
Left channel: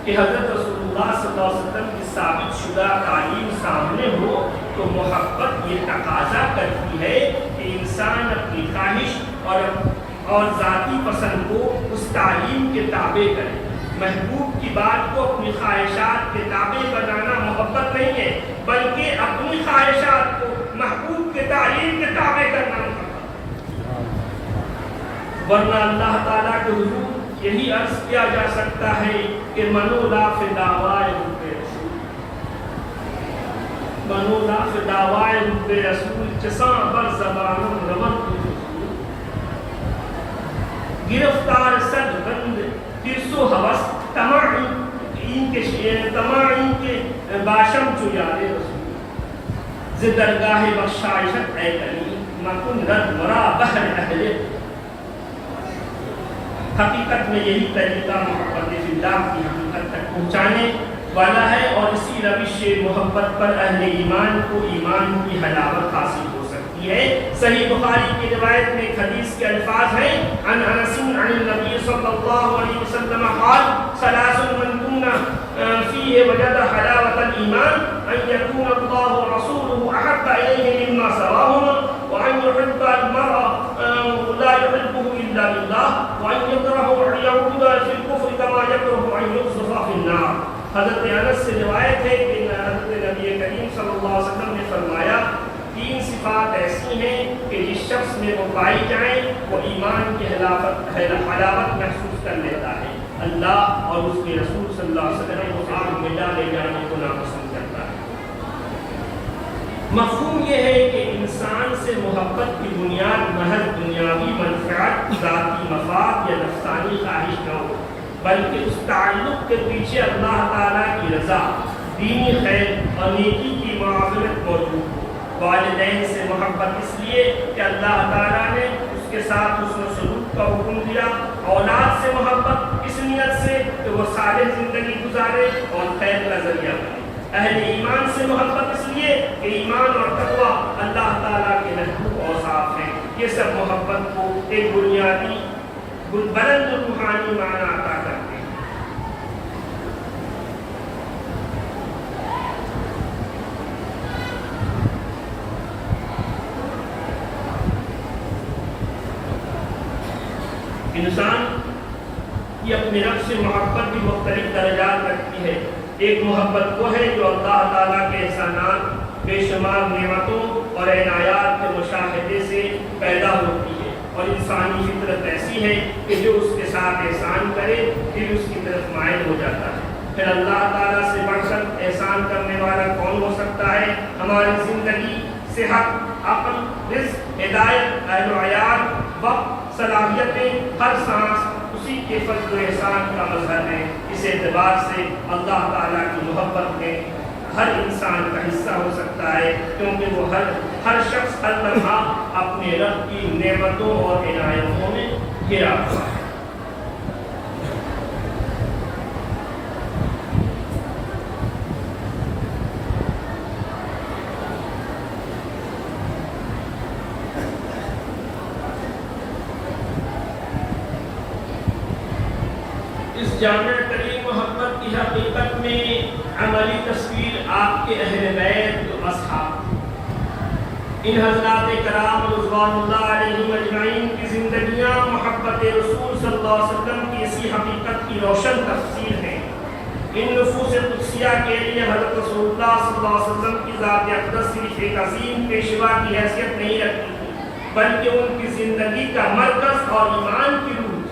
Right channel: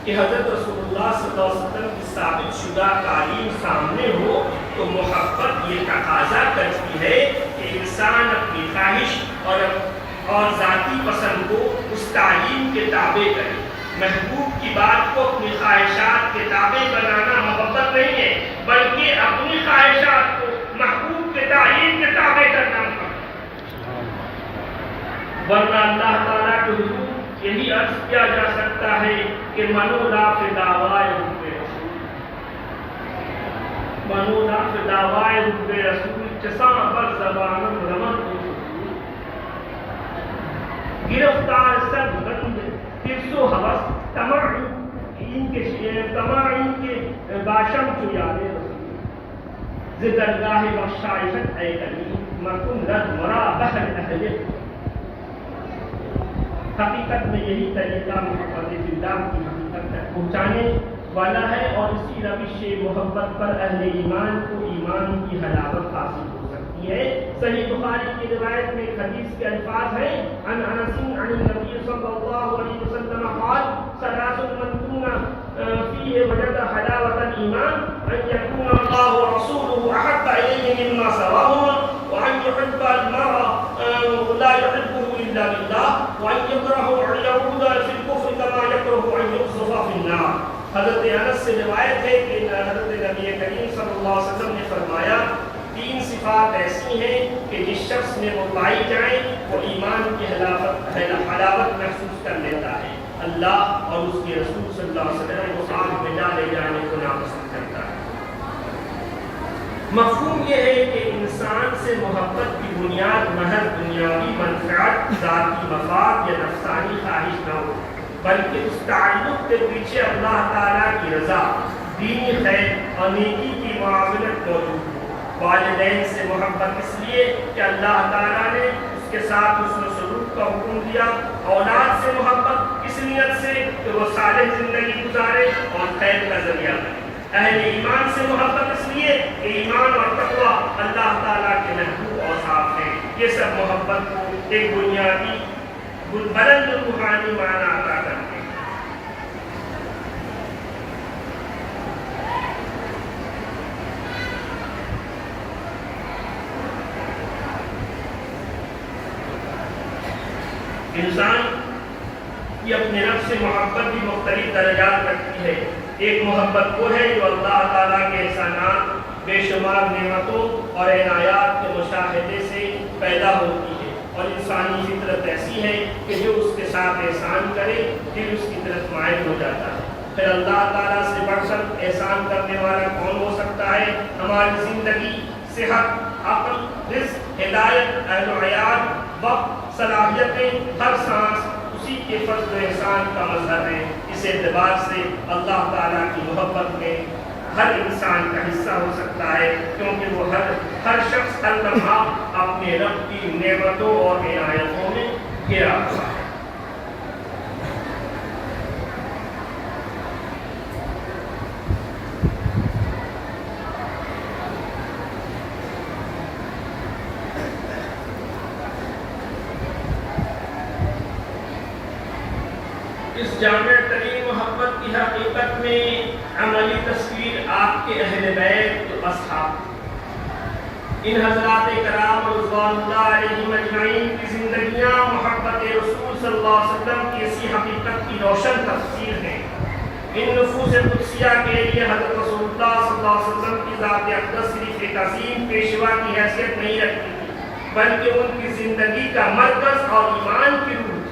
کہ حضرت رسول اللہ صلی اللہ علیہ وسلم کی ثابت شدہ تعلیم سامنے ہو تو محبت یہ تقاضا کرتی ہے کہ انسان اپنی خواہش اور ذاتی پسند کو اس تعلیم کے تابع کرے۔ محبوب کی بات کو اپنی خواہشات کے تابع بنانا محبت نہیں ہے، بلکہ اپنی خواہشات کو محبوب کے تعلیم کے تابع کرنا محبت، ورنہ اللہ تعالیٰ کے حضور یہی عرض کیا جا سکتا ہے کہ منو لا فی دعوائے حب رسول، منو لا فی دعوائے حب رسول چساں بر زبانم رمن حضور، گرفتار صد بند حرص و ہوس طمع ان کے باشم چو یاد رسول، ز درگاہ بخشائشت اے کریم مکن رد مرا بحر اہل، حقیقت میں یہی طریقہ محبت فی اللہ کی حقیقت تک پہنچانے والا ہے، اور اسی روش محبت پر اہل ایمان کو ایمان کی حلاوت حاصل ہو سکتی ہے۔ صحیح بخاری کی روایت میں ایک حدیث کے الفاظ ہیں، عن انس عن النبی صلی اللہ علیہ وسلم قال ثلاث من كن فيه وجد حلاوة الإيمان أن يكون الله ورسوله أحب إليه مما سواهما، وأن يحب المرء لا يحبه إلا لله، وأن يكره أن يعود في الكفر كما يكره أن يقذف في النار۔ حضرت انس سے روایت ہے کہ حضرت نبی کریم صلی اللہ علیہ وسلم نے فرمایا، تین صفات ایسی ہیں کہ جس شخص میں وہ پائی جائیں وہ ایمان کی حلاوت محسوس کر لیتا ہے، اللہ اور اس کے رسول صلی اللہ علیہ وسلم کو آگ میں ڈالے جانے کو ناپسند کرتا ہے۔ مفہوم یہ ہے کہ انسان سے محبت کی بنیاد محض دنیاوی منفعت، ذاتی مفاد یا نفسانی خواہش نہ ہو، بلکہ اس تعلق کے پیچھے اللہ تعالیٰ کی رضا، دینی خیر اور نیکی کی معاونت موجود ہو۔ والدین سے محبت اس لیے کہ اللہ تعالیٰ نے اس کے ساتھ حسن سلوک کا حکم دیا، اولاد سے محبت اس نیت سے کہ وہ صالح زندگی گزارے اور خیر کا ذریعہ بنے۔ اہل ایمان سے محبت اس لیے کہ ایمان اور تقوی اللہ تعالیٰ کے محبوب اوصاف ہیں۔ یہ سب محبت کو ایک بنیادی بلند روحانی معنی عطا کرتے ہیں۔ انسان کی اپنے رب سے محبت بھی مختلف درجات رکھتی ہے۔ ایک محبت وہ ہے جو اللہ تعالیٰ کے احسانات، بے شمار نعمتوں اور عنایات کے مشاہدے سے پیدا ہوتی ہے، اور انسانی فطرت ایسی ہے کہ جو اس کے ساتھ احسان کرے پھر اس کی طرف مائل ہو جاتا ہے۔ پھر اللہ تعالیٰ سے بڑھ کر احسان کرنے والا کون ہو سکتا ہے؟ ہماری زندگی، صحت، عقل، رزق، ہدایت، اہل و عیال، وقت، صلاحیتیں، ہر سانس اسی کے فضل و احسان کا مظہر ہے۔ اس اعتبار سے اللہ تعالیٰ کی محبت میں ہر انسان کا حصہ ہو سکتا ہے، کیونکہ وہ ہر شخص ہر لمحہ اپنے رب کی نعمتوں اور عنایتوں میں گھرا ہوا ہے۔ اس جامع ترین محبت کی حقیقت میں عملی تصویر آپ کے اہل بیت و اصحاب، ان حضرات کرام رضوان اللہ علیہم اجمعین کی زندگیاں محبت رسول صلی اللہ علیہ وسلم کی اسی حقیقت کی روشن تفسیر ہیں۔ ان نفوس قدسیہ کے لیے حضرت رسول اللہ صلی اللہ علیہ وسلم کی ذات اقدس صرف ایک عظیم پیشوا کی حیثیت نہیں رکھتی تھی، بلکہ ان کی زندگی کا مرکز اور ایمان کی روح تھی۔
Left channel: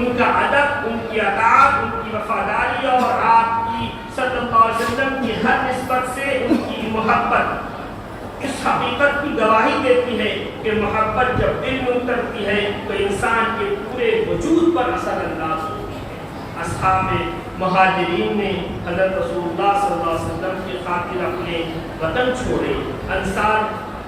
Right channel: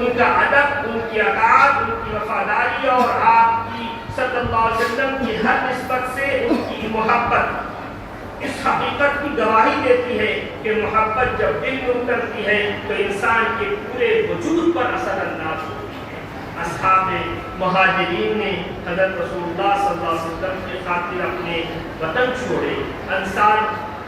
ان کا ادب، ان کی اطاعت، ان کی وفاداری اور آپ کی صلی اللہ علیہ وسلم کی ہر نسبت سے ان کی محبت اس حقیقت کی گواہی دیتی ہے کہ محبت جب دل میں اترتی ہے تو انسان کے پورے وجود پر اثر انداز ہوتی ہے۔ اصحاب مہاجرین نے حضرت رسول اللہ صلی اللہ علیہ وسلم کی خاطر اپنے وطن چھوڑے، انصار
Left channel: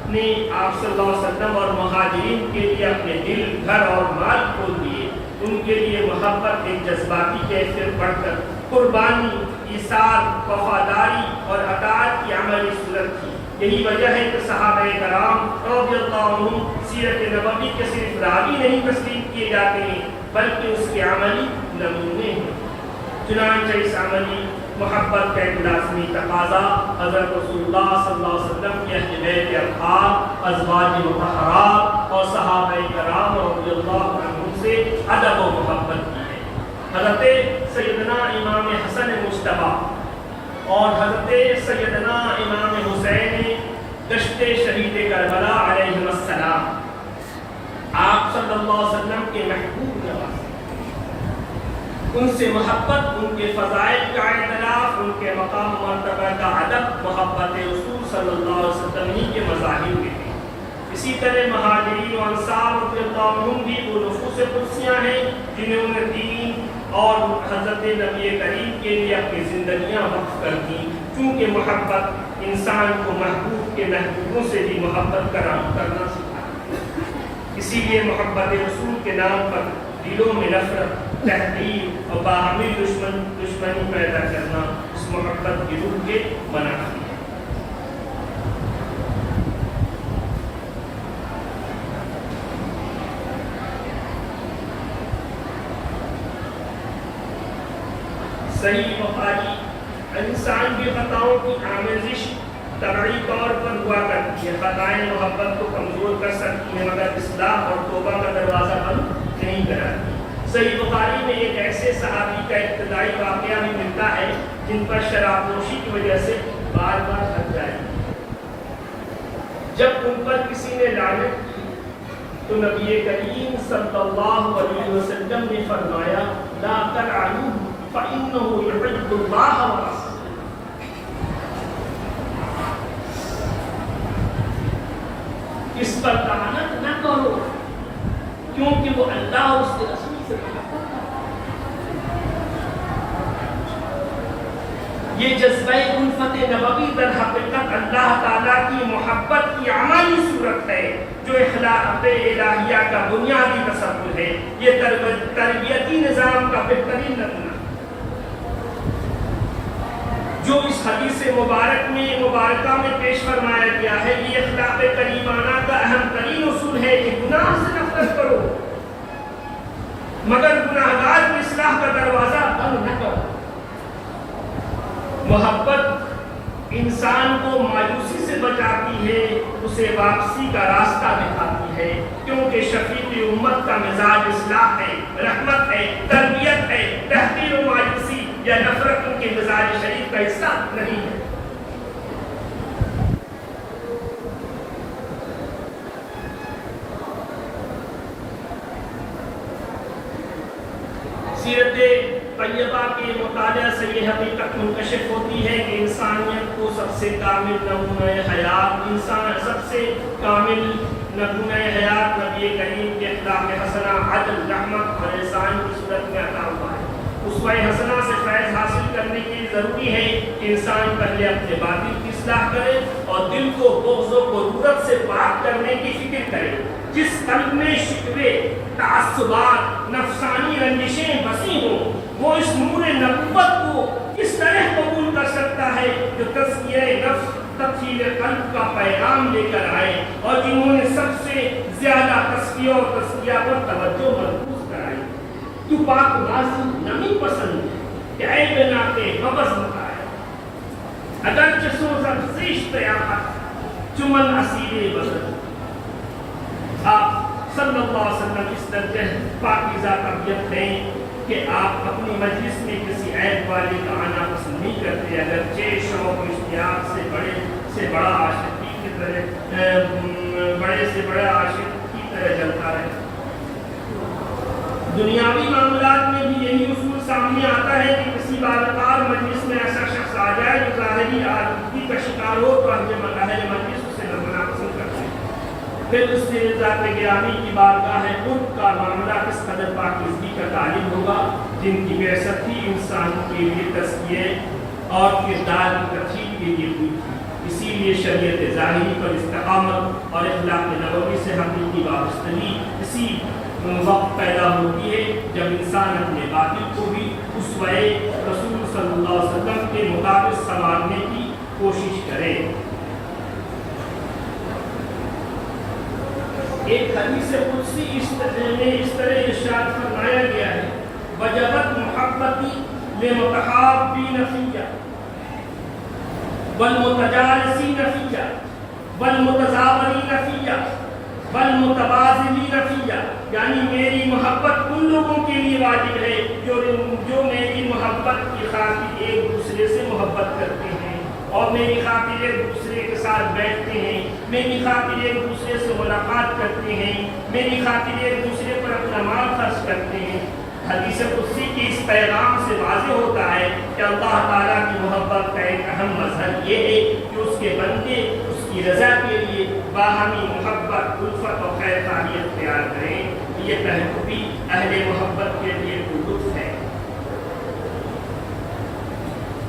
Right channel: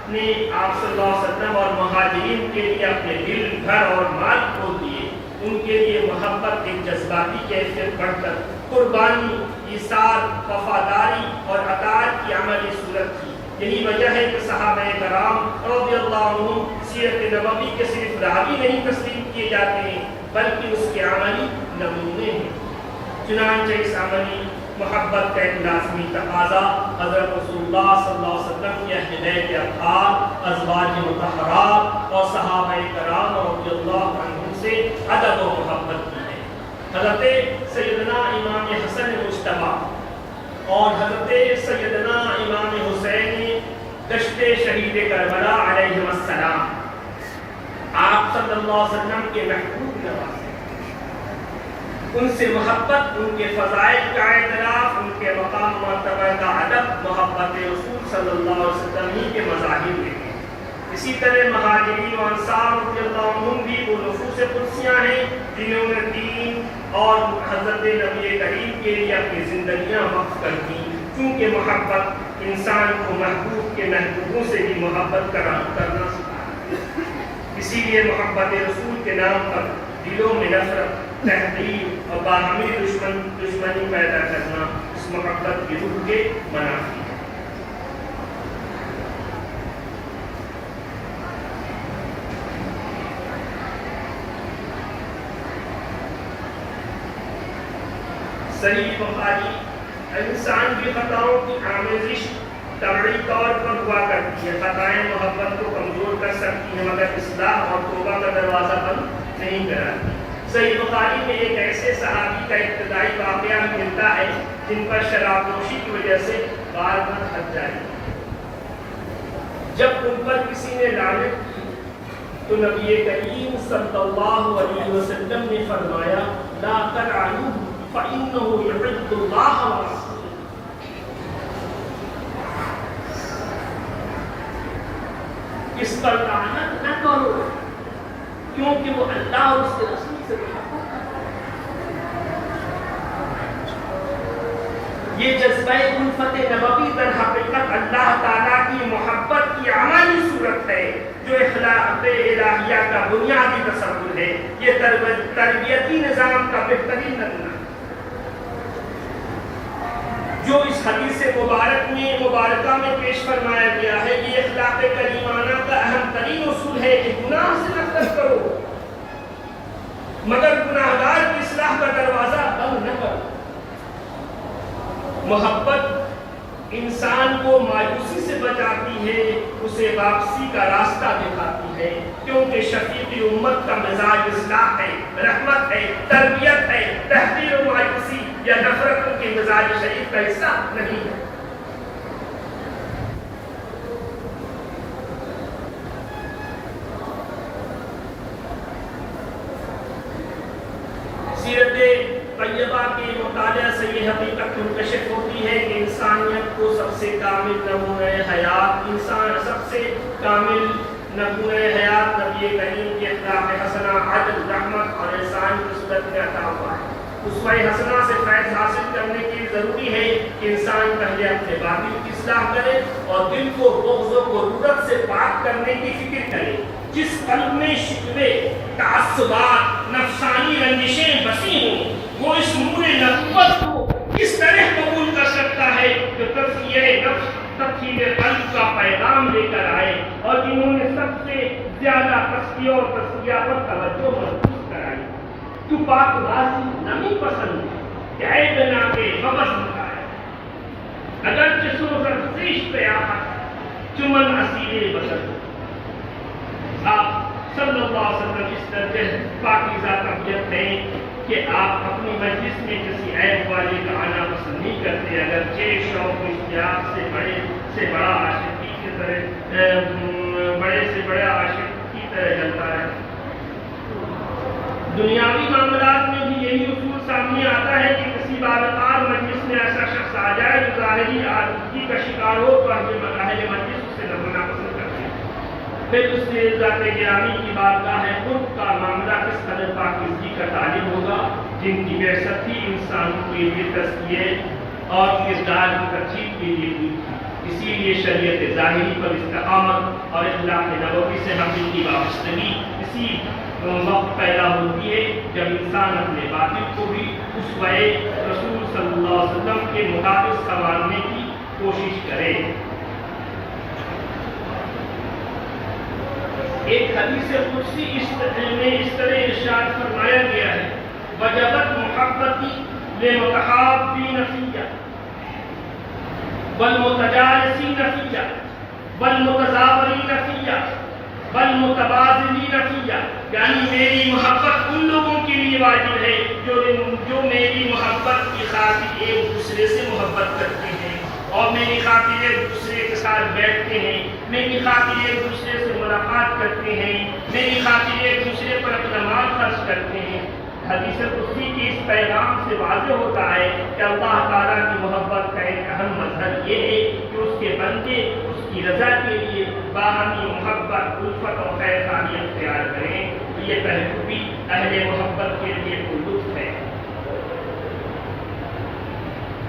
نے آپ صلی اللہ علیہ وسلم اور مہاجرین کے لیے اپنے دل، گھر اور مال کھول دیے۔ ان کے لیے محبت ایک جذباتی کیفیت بڑھ کر قربانی، ایثار، وفاداری اور اطاعت کی عملی صورت تھی۔ یہی وجہ ہے کہ صحابہ کرام رضی اللہ عنہم سیرت نبوی کے صرف راوی نہیں تسلیم کیے جاتے ہیں بلکہ اس کے عملی نمونے ہیں۔ چنانچہ اس عملی محبت کا ایک لازمی تقاضا حضرت رسول اللہ صلی اللہ علیہ وسلم کی اہل بیت اطہار، ازواج مطہرات اور صحابہ کرام رضی اللہ عنہم سے ادب و محبت کی ہے۔ حضرت سیدنا امام حسن مجتبی اور حضرت سیدنا امام حسین گشت شہید کربلا علیہ السلام آپ صلی اللہ علیہ وسلم کے محبوب نوازے، ان سے محبت، ان کے فضائل کا اعتراف، ان کے مقام مرتبہ کا ادب محبت رسول صلی اللہ علیہ وسلم ہی کے مظاہر میں ہیں۔ اسی طرح مہاجرین و انصار رضی اللہ عنہم بھی وہ نفوس قدسیاں ہیں جنہوں نے دین اور حضرت نبی کریم کے لیے اپنی زندگیاں وقف کر دی، کیونکہ محبت انسان کو محبوب کے محبوبوں سے بھی محبت کرنا سکھاتی ہے۔ اسی لیے محبت رسول کے نام پر دلوں میں نفرت، تحقیر اور باہمی دشمنی پیدا کرنا اس محبت کی روح کے منافی ہے۔ صحیح بخاری انسان کی خطاؤں کی آمیزش طبعی طور پر ہوا کرتی ہے، خطائیں محبت کو کمزور کر سکتی ہیں مگر اصلاح اور توبہ کا دروازہ بند نہیں کراتی۔ صحیح بخاری میں ایک ایسے صحابی کا ابتدائی واقعہ بھی ملتا ہے جن پر شراب نوشی کی وجہ سے بار بار تھک جائے۔ جب ان پر کسی نے لعنت کی تو نبی کریم صلی اللہ علیہ وسلم نے فرمایا لا تلعنوہ فإنه يحب الله ورسوله۔ اس پر لعنت نہ کرو کیونکہ وہ اللہ اور اس کے رسول سے محبت کرتا ہے۔ یہ جذبہ الفت نبوی در حقیقت اللہ تعالیٰ کی محبت کی عملی صورت ہے جو اخلاق الہیہ کا بنیادی تصور ہے۔ یہ تربیتی نظام کا بہترین نمونہ جو اس حدیث مبارکہ میں پیش فرمایا گیا ہے۔ یہ اخلاق کریمانہ کا اہم ترین اصول ہے کہ گناہ سے نفرت کرو مگر گناہگار کی اصلاح کا دروازہ بند نہ کرو۔ محبت انسان کو مایوسی سے بچاتی ہے، اسے واپسی کا راستہ دکھاتی ہے، کیونکہ شفیع امت کا مزاج اصلاح ہے، رحمت ہے، تربیت ہے۔ تحقیر و مایوسی یا نفرت ان کے مزاج شریف کا حصہ نہیں ہے۔ سیرت طیبہ کے مطالعہ سے یہ حقیقت منکشف ہوتی ہے کہ انسانیت کو سب سے کامل نمونہ حیات نبی کریم کے اخلاق حسنہ، عدل، رحمت اور احسان کی صورت میں عطا ہوا ہے۔ اسوہ حسنہ سے فیض حاصل کرنے کے لیے ضروری ہے کہ انسان پہلے اپنے باطن کی اصلاح کرے اور دل کو بغض و غرورت سے پاک کرنے کی فکر کرے۔ جس قلب میں شکوے، تعصبات، نفسانی رنجشیں بسی ہوں وہ اس نور نبوت کو اس طرح قبول کر سکتا ہے جو تزکیہ نفس، تطہیر قلب کا پیغام لے کر آئے اور جنہوں نے سب سے زیادہ تزکیہ اور تزکیہ پر توجہ مرکوز کرائی۔ تو پاک بازی نمی پسند ہے کہ عیب نہ کے بغض مکائے، اگرچہ سوزن سے اشتیاقت چمن اسیرے بدل۔ آپ صلی اللہ علیہ وسلم اس درجہ پاکیزہ طبیعت ہیں کہ آپ اپنی مجلس میں کسی عیب والے کا آنا پسند نہیں کرتے، اگرچہ شوق اشتیاق سے بڑا عاشق کی طرح بڑے سے بڑا عاشق کی طرح جلتا ہے۔ دنیاوی معاملات میں بھی یہی اصول سامنے آتا ہے کہ کسی باوقار مجلس میں ایسا شخص آ جائے جو ظاہری آلودگی کا شکار ہو تو اہل مجلس اس سے نہ پسند کرتے ہیں۔ پھر اس کے ذات گرامی کی بارگاہ قرب کا معاملہ کس قدر پاکیزگی کا تعلیم ہوگا جن کی بعثت ہی انسان کے لیے تزکیے اور کردار کی ترتیب کے لیے ہوئی تھی۔ اسی لیے شریعت ظاہری پر استقامت اور اخلاق نبوی سے حقیقی وابستگی اسی وقت پیدا ہوتی ہے جب انسان اپنے باطن کو بھی اسوہ رسول صلی اللہ علیہ وسلم کے مطابق سنوارنے کی کوشش کرے۔ ایک حدیث قدسی میں اس طرح ارشاد فرمایا گیا ہے وجبت محبتی للمتحابین فیہ والمتجالسین فیہ والمتزاورین فیہ والمتبادلین فیہ، یعنی میری محبت ان لوگوں کے لیے واجب ہے جو میری محبت کی خاطر ایک دوسرے سے محبت کرتے ہیں اور میری خاطر ایک دوسرے کے ساتھ بیٹھتے ہیں، میری خاطر ایک دوسرے سے ملاقات کرتے ہیں، میری خاطر ایک دوسرے پر اپنا مال خرچ کرتے ہیں۔ حدیث قدسی کے اس پیغام سے واضح ہوتا ہے کہ اللہ تعالیٰ کی محبت کا ایک اہم مظہر یہ ہے کہ اس کے بندے اس کی رضا کے لیے باہمی محبت، الفت اور خیر خواہی اختیار کریں۔ یہ پہلو بھی اہل محبت کے لیے کوئی لطف ہے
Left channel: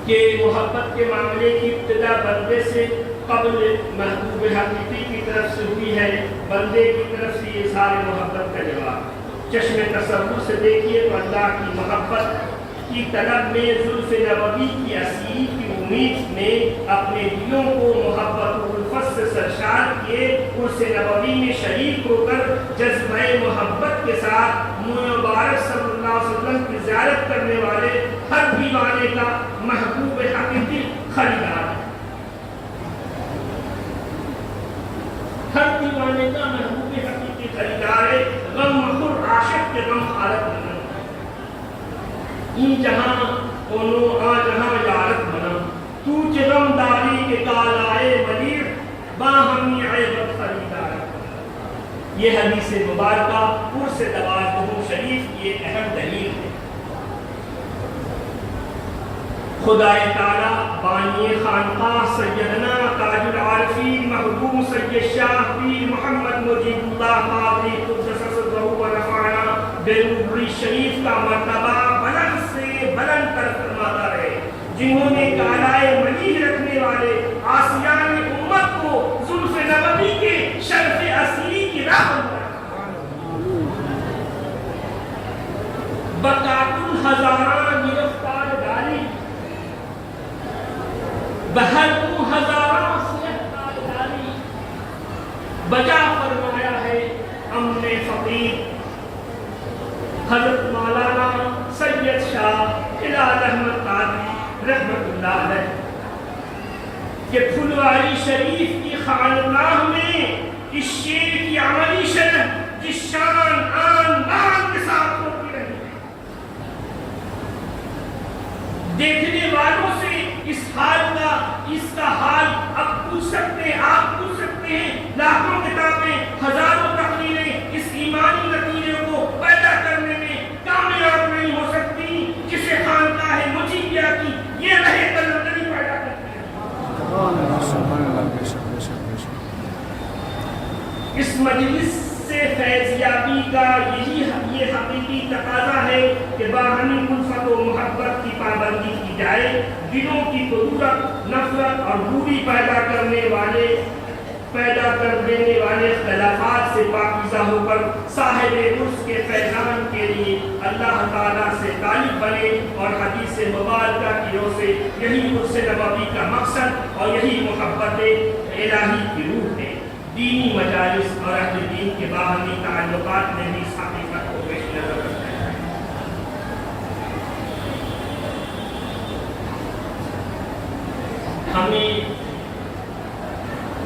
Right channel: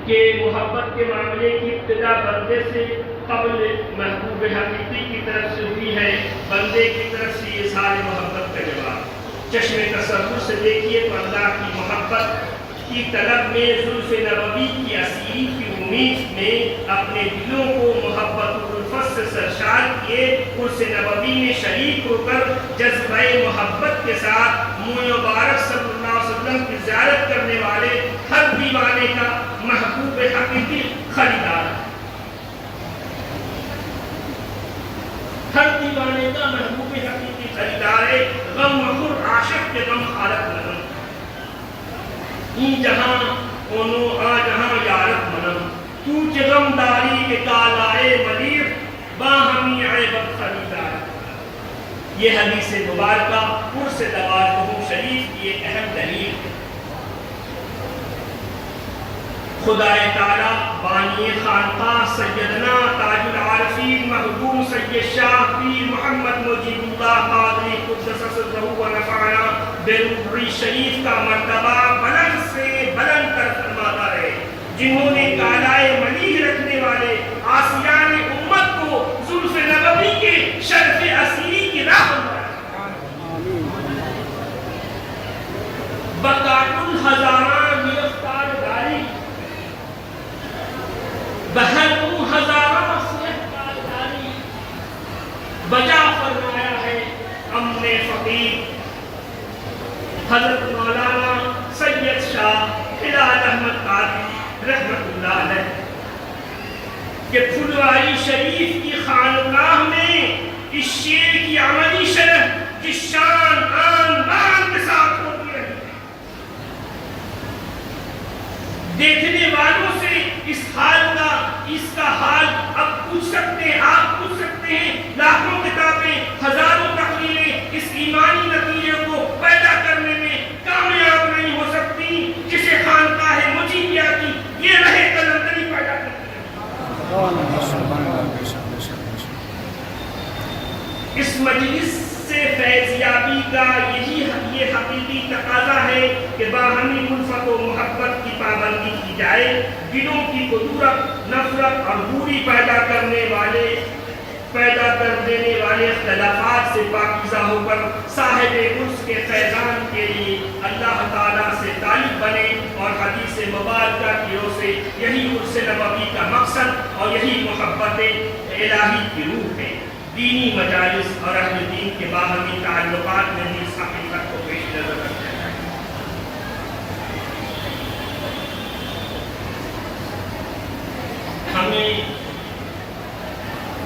کہ محبت کے معاملے کی ابتدا بندے سے قبل محبوب حقیقی کی طرف سے ہوئی ہے، بندے کی طرف سے اظہار محبت کا جواب۔ چشم تصور سے دیکھیے تو اللہ کی محبت کی طلب میں زلف نبوی کی اسیری کی امید میں اپنے دلوں کو محبت و الفت سے سرشار کیے، اس نبوی میں شریک ہو کر جذبہ محبت کے ساتھ مبارک صلی اللہ علیہ وسلم کی زیارت کرنے والے ہر دیوانے کا محبوب حقیقی خریدار ہے۔ ہر دیوانے کا محبوب حقیقی خریدار ہے، غم مخور عاشق کے غم حالت منم، این جہاں اونو آ جہاں یارت منم، تو چ غم داری کے کالائے ملیر باہمی عیبت خریدار۔ یہ حدیث مبارکہ عرس توازنہ شریف کی ایک اہم دلیل ہے۔ خدا تعالیٰ بانی خانقاہ سیدنا تاج العارفین محبوب سید شاہ پیر محمد مجیب اللہ قادری قدس سرہ و نفعنا بروحی شریف کا مرتبہ بلند سے بلند تر فرماتا رہے، جنہوں نے کالائے ملیح رکھنے والے آسیان امت کو زلف نبوی کے شرف اسیری کی راہ بقاقل ہزاران گرفتار داری بہروں ہزاروں سہکار داری بجا فرمایا ہے امن فقیر حضرت مولانا سید شاہ ہلال احمد قادری رحمت اللہ علیہ کہ پھلواری شریف کی خانقاہ میں اس شعر کی عملی شرح جس شان آن بان کے ساتھ ہوتی رہی ہے، دیکھنے والوں سے اس حال کا، اس کا حال اب پوچھ سکتے ہیں، آپ پوچھ سکتے ہیں، لاکھوں کتابیں، ہزاروں تحریریں اس ایمانی نتیجے کو پیدا کرنے میں کامیاب نہیں ہو سکتی جسے خانقاہ مجیبیہ کی یہ رہے قلندری پیدا کرتی ہے۔ اس مجلس سے فیضیابی کا یہ حقیقی تقاضا ہے کہ باہمی الفت و محبت کی پابندی کی جائے، دلوں کی قدرت، نفرت اور دوری پیدا کر دینے والے اختلافات سے پاکیزہ ہو کر صاحب عرس کے فیضان کے لیے اللہ تعالیٰ سے طالب بنے، اور حدیث مبارکہ کی روح سے یہی عرس نبوی کا مقصد اور یہی محبت الہی کی روح ہے۔ دینی مجالس اور اہل دین کے باہمی تعلقات میں بھی اس حقیقت کو پیش نظر رکھنا ہے۔ ہمیں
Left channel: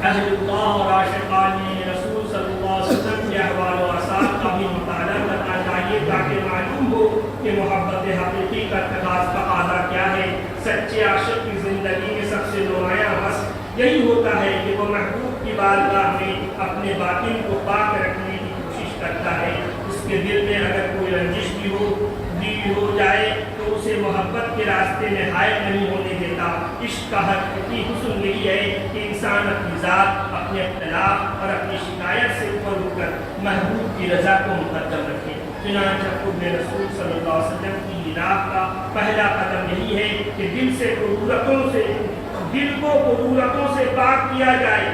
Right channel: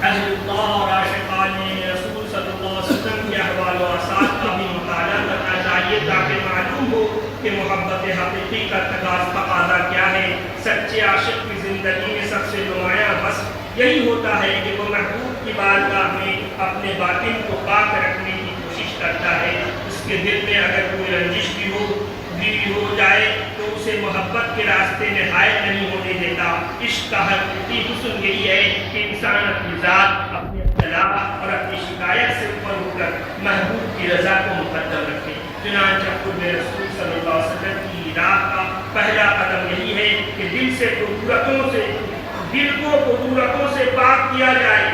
اہل اللہ اور عاشقان رسول صلی اللہ علیہ وسلم کے احوال و آثار کا بھی مطالعہ کرنا چاہیے تاکہ معلوم ہو کہ محبت حقیقی کا تقاضا کیا ہے۔ سچے عاشق کی زندگی میں سب سے نمایاں وصف یہی ہوتا ہے کہ وہ محبوب کی بارگاہ میں اپنے باطن کو پاک رکھنے کی کوشش کرتا ہے۔ اس کے دل میں اگر کوئی رنجش بھی ہو جائے تو اسے محبت کے راستے میں حائل نہیں ہونے دیتا۔ عشق کا حقیقی حسن یہی ہے کہ انسان اپنی ذات، اپنے اختلاف اور اپنی شکایت سے اوپر اٹھ کر محبوب کی رضا کو مقدم رکھے۔ چنانچہ قرب رسول صلی اللہ علیہ وسلم کی راہ کا پہلا قدم یہی ہے کہ دل کو قدورتوں سے پاک کیا جائے،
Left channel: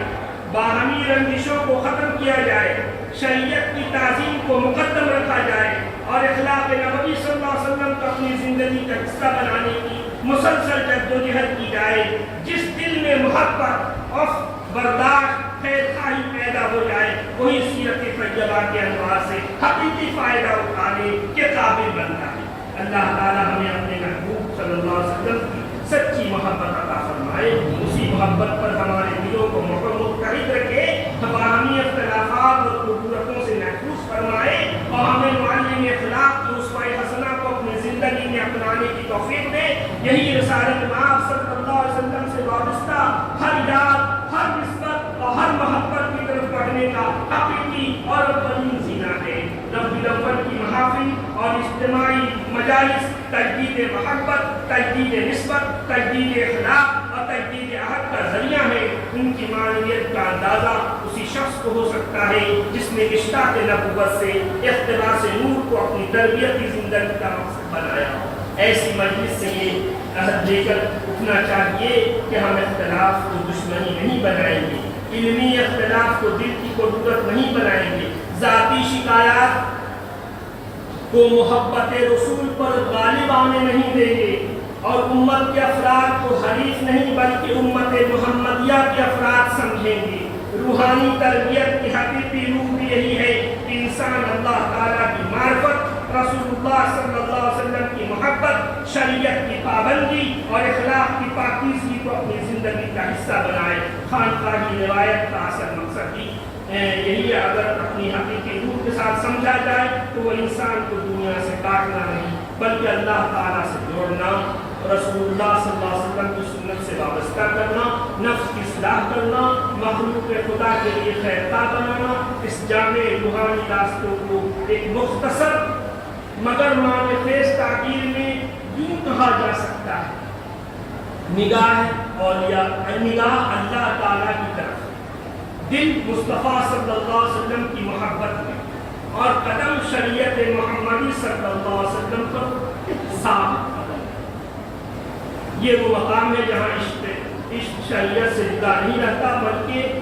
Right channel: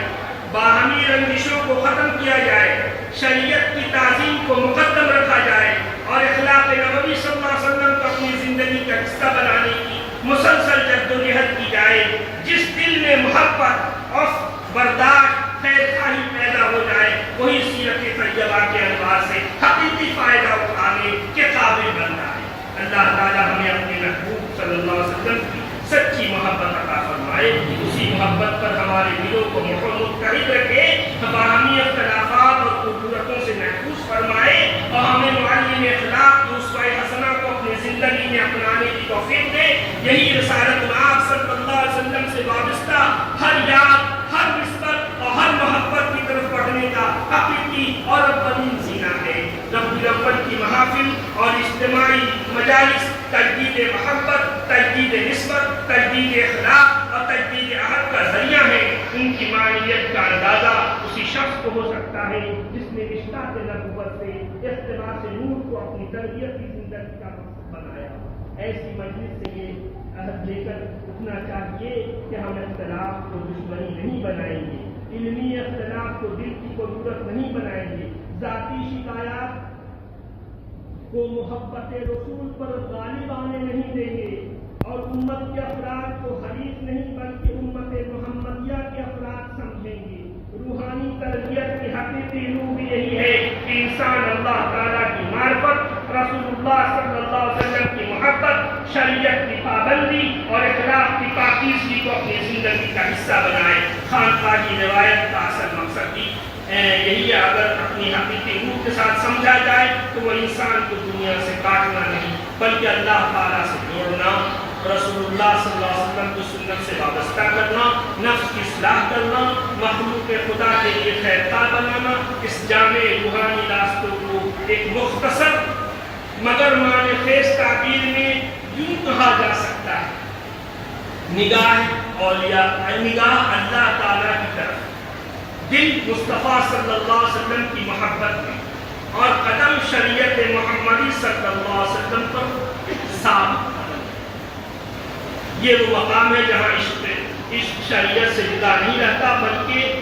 باہمی رنجشوں کو ختم کیا جائے، شریعت کی تعظیم کو مقدم رکھا جائے اور اخلاق نبوی صلی اللہ علیہ وسلم کو اپنی زندگی کا حصہ بنانے کی مسلسل جدوجہد کی جائے۔ جس دل میں محبت اور برداشت، خیر خواہی پیدا ہو جائے، وہی سیرت طیبہ کے انوار سے حقیقی فائدہ اٹھانے کے قابل بنتا ہے۔ اللہ تعالی ہمیں اپنے محبوب صلی اللہ علیہ وسلم کی سچی محبت عطا فرمائے، اسی محبت پر ہمارے دلوں کو متحد رکھے، باہمی اختلافات اور قدرتوں سے محفوظ فرمائے اور ہمیں معلم اخلاق اسوہ حسنہ کو اپنی زندگی زندگی میں اپنانے کی توفیق دے. یہی رسالت آپ صلی اللہ علیہ وسلم سے وابستہ ہر یاد، ہر نسبت اور ہر محبت کی طرف بڑھنے کا حقیقی اور اولین زینہ ہے. ربیع الاول کی محافل اور اجتماعی مجالس تجدید محبت، تجدید نسبت، تجدید اخلاق اور تجدید عہد کا ذریعہ ہے. ان کی معنیت کا اندازہ اسی شخص کو ہو سکتا ہے جس نے مشکات نبوت سے اقتباس نور کو اپنی تربیتی زندگی کا مقصد بنایا. ایسی مجلس سے یہ عہد لے کر اٹھنا چاہیے کہ ہم اختلاف کو دشمنی نہیں بنائیں گے، علمی اختلاف کو دل کی قدرت نہیں بنائیں گے، ذاتی شکایات کو محبت رسول پر غالب آنے نہیں دیں گے، اور امت کے افراد کو حریف نہیں بلکہ امت محمدیہ کے افراد سمجھیں گے. روحانی تربیت کی حقیقی روح بھی یہی ہے کہ انسان اللہ تعالیٰ کی معرفت، رسول اللہ صلی اللہ علیہ وسلم کی محبت، شریعت کی پابندی اور اخلاق کی پاکیزگی کو اپنی زندگی کا حصہ بنائے. خانقاہی روایت کا اصل مقصد بھی یہی ہے. اگر اپنی حقیقی روح کے ساتھ سمجھا جائے تو وہ انسان کو دنیا سے کاٹنا نہیں بلکہ اللہ تعالیٰ سے جوڑنا، رسول اللہ صلی اللہ علیہ وسلم کی سنت سے وابستہ کرنا، نفس کی اصلاح کرنا، مخلوق خدا کے لیے خیرخواہ بنانا. اس جامع روحانی راستوں کو ایک مختصر مگر معنی خیز تعبیر میں یوں کہا جا سکتا ہے: نگاہ اولیاء، نگاہ اللہ تعالیٰ کی طرف، دل مصطفیٰ صلی اللہ علیہ وسلم کی محبت میں، اور قدم شریعت محمدی صلی اللہ علیہ وسلم پر صاف. یہ وہ مقام ہے جہاں عشق شریعت سے جدا نہیں رہتا، بلکہ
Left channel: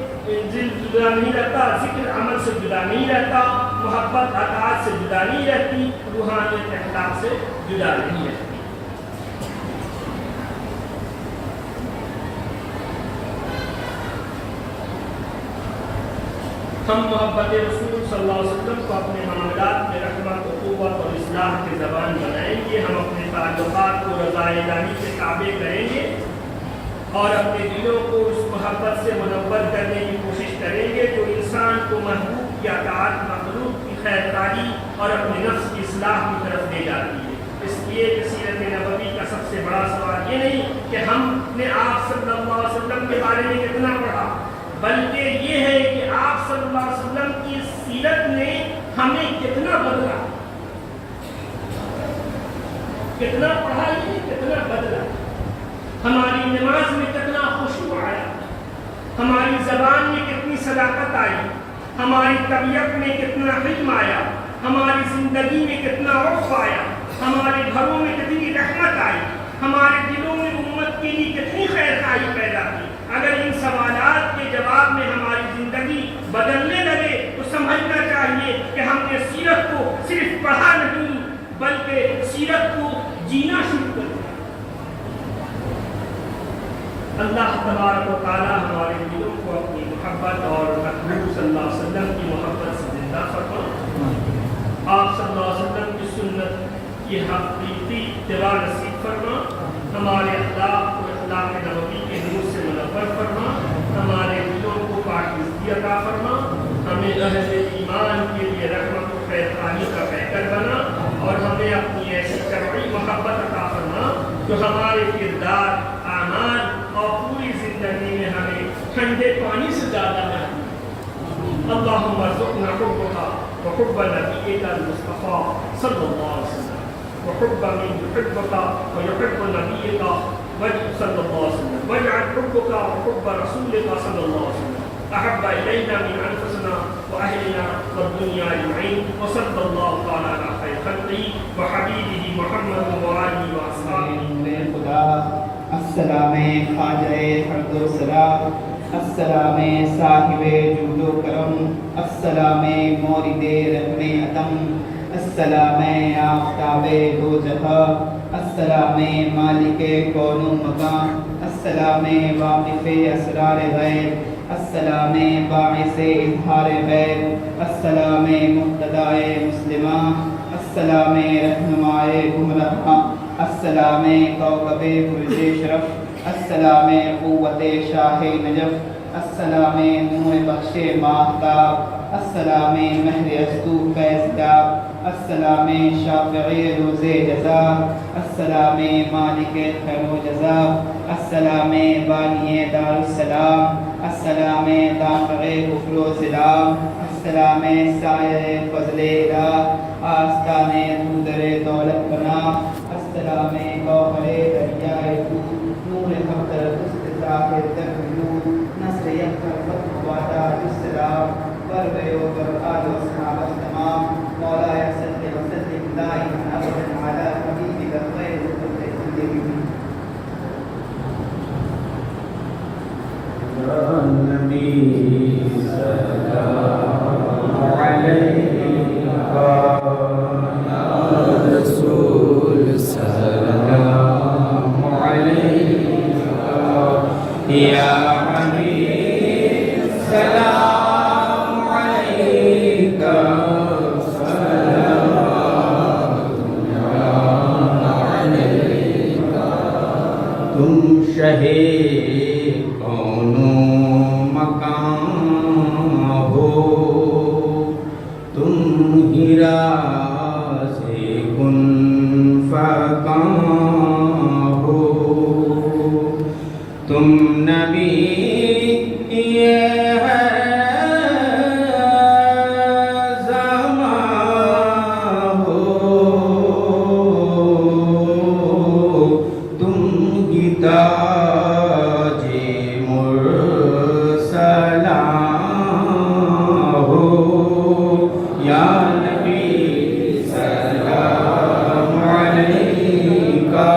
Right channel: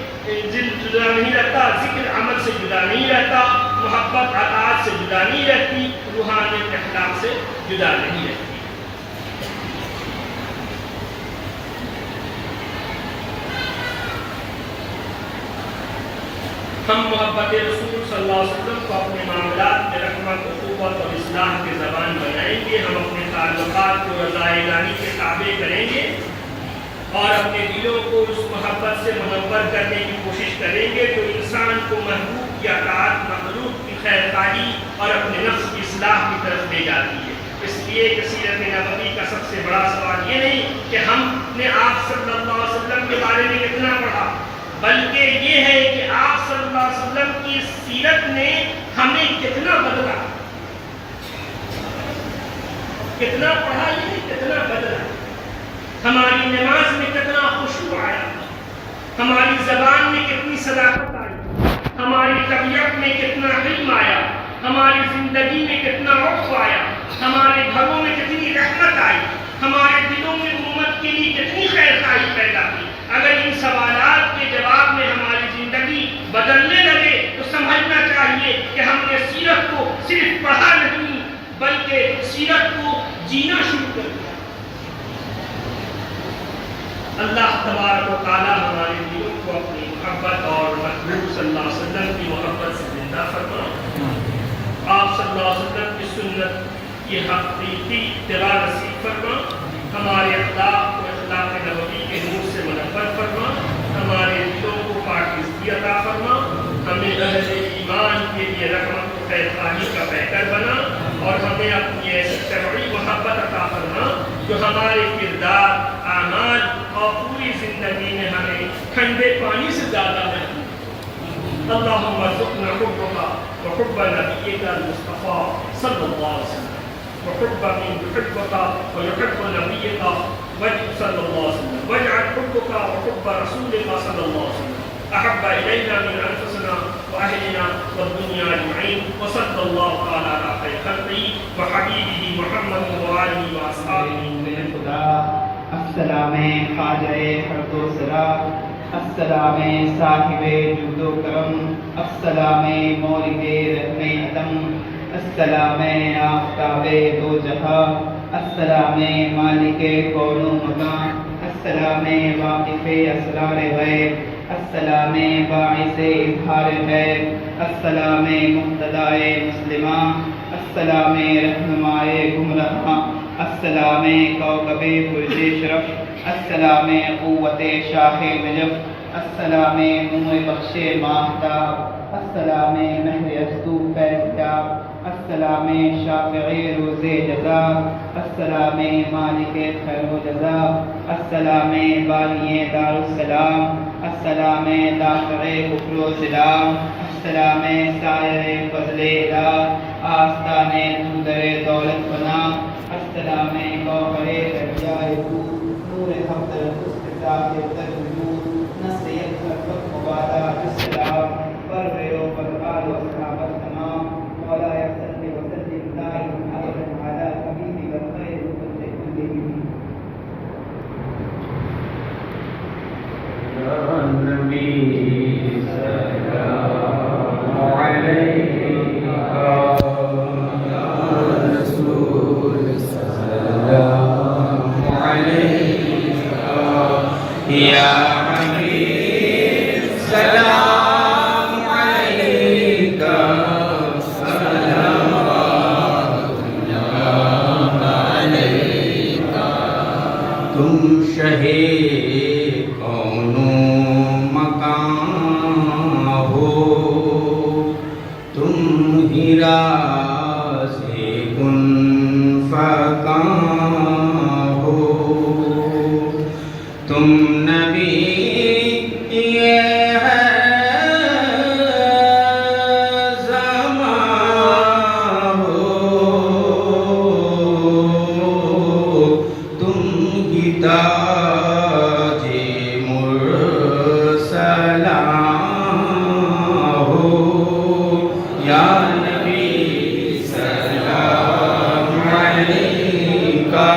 دل جدا نہیں رہتا، ذکر عمل سے جدا نہیں رہتا، محبت اطاعت سے جدا نہیں رہتی، روحانیت اخلاق سے جدا نہیں رہتی. ہم محبت رسول صلی اللہ علیہ وسلم کو اپنے معاملات میں رحمت، اخوت اور اصلاح کے زبان بنائیں گے. ہم اپنے تعلقات کو رضا الہی کے تابع کریں گے اور اپنے دلوں کو اس محبت سے منور کرنے کی کوشش کریں گے جو انسان کو محبوب کی اطاعت، مخلوق کی خیرخواہی اور اپنے نفس کی اصلاح کی طرف لے جاتی ہے. اس لیے کہ سیرت نبوی کا سب سے بڑا سوال یہ نہیں کہ ہم نے آپ صلی اللہ علیہ وسلم کے بارے میں کتنا پڑھا، بلکہ یہ ہے کہ آپ صلی اللہ علیہ وسلم کی سیرت نے ہمیں کتنا بدلا. کتنا پڑھا یہ نہیں، کتنا بدلا. ہماری نماز میں کتنا خشوع آیا، ہماری زبان میں کتنی صداقت آئی، ہماری طبیعت میں کتنا علم آیا، ہماری زندگی میں کتنا عفو آیا، ہمارے گھروں میں کتنی رحمت آئی، ہمارے دلوں میں امت کے لیے کتنی خیرخواہی پیدا کی. اگر ان سوالات کے جواب میں ہماری زندگی بدلنے لگے تو سمجھنا چاہیے کہ ہم نے سیرت کو صرف پڑھا نہیں بلکہ سیرت کو جینا شروع کر دیا. اللہ تبارک و تعالی ہمارے دلوں کو اپنی محبت اور محبوب صلی اللہ علیہ وسلم کی محبت سے زندہ فرما. آپ صلی اللہ علیہ وسلم کی سنت کی حقیقی اتباع نصیب فرما. ہمارے اخلاق کو اخلاق نبوی کے نور سے منور فرما. ہمارے دلوں کو پاکیزگی عطا فرما. ہمیں اہل ایمان کے لیے رحمت و خیرخواہی کا پیکر بنا اور ہمیں اپنی ایسی شرعی محبت عطا فرما جو ہمارے کردار، اعمال اور پوری زندگی میں ہمیں ٹھنڈے پانی سے زیادہ بنے. اللہم ارزقنا حبک وحب نبیک المصطفیٰ صلی اللہ علیہ وسلم وحب من يحبك ويحب نبيك صلى الله عليه وسلم واجعل حبك وحب رسولك صلى الله عليه وسلم أحب إلينا من أنفسنا وأهلنا والدنيا أجمعين وصلى الله تعالى على خير خلقه وحبيبه محمد وآله وأصحابه. السلام خواجہ حمد و ثنا، السلام صاحب جود و کرم، السلام مورد رحم عدم، السلام آفتاب دو جہاں، السلام مالک کون و مکان، السلام واقف اسرار غیب، السلام باعث اظہار غیب، السلام مقتدائے مسلمہ، السلام رہنمائے گمراہ، السلام کوكب برج شرف، السلام قوت شاہ نجف، السلام نور بخش ماہتاب، السلام مہر ازدو فیضداب، السلام شافع روز جزا، السلام مالک خیر و جزا، السلام بانی دار السلام، السلام دافع کفر و سلام، السلام سائر فضل الہ، آستان در دولت بنا، السلام گوہر دریائے نور حضر استطاع در وجود، نسل یکسر فتح وعدہ السلام، پرویو برقال و اصحاب التمام، مولا صلی وسلم دائما ابدا علی حبیبک خیر خلق اللہ. نبی سلام علیکہ رسول سلام علیکہ یا حبیب سلام علیکہ تم شہِ کون مکان ہو، تم ہی راز کن فکان ہو، تم نبی یہ ہے زمان ہو، تم ہی تاج مرسلان ہو، یا نبی سلام علیکہ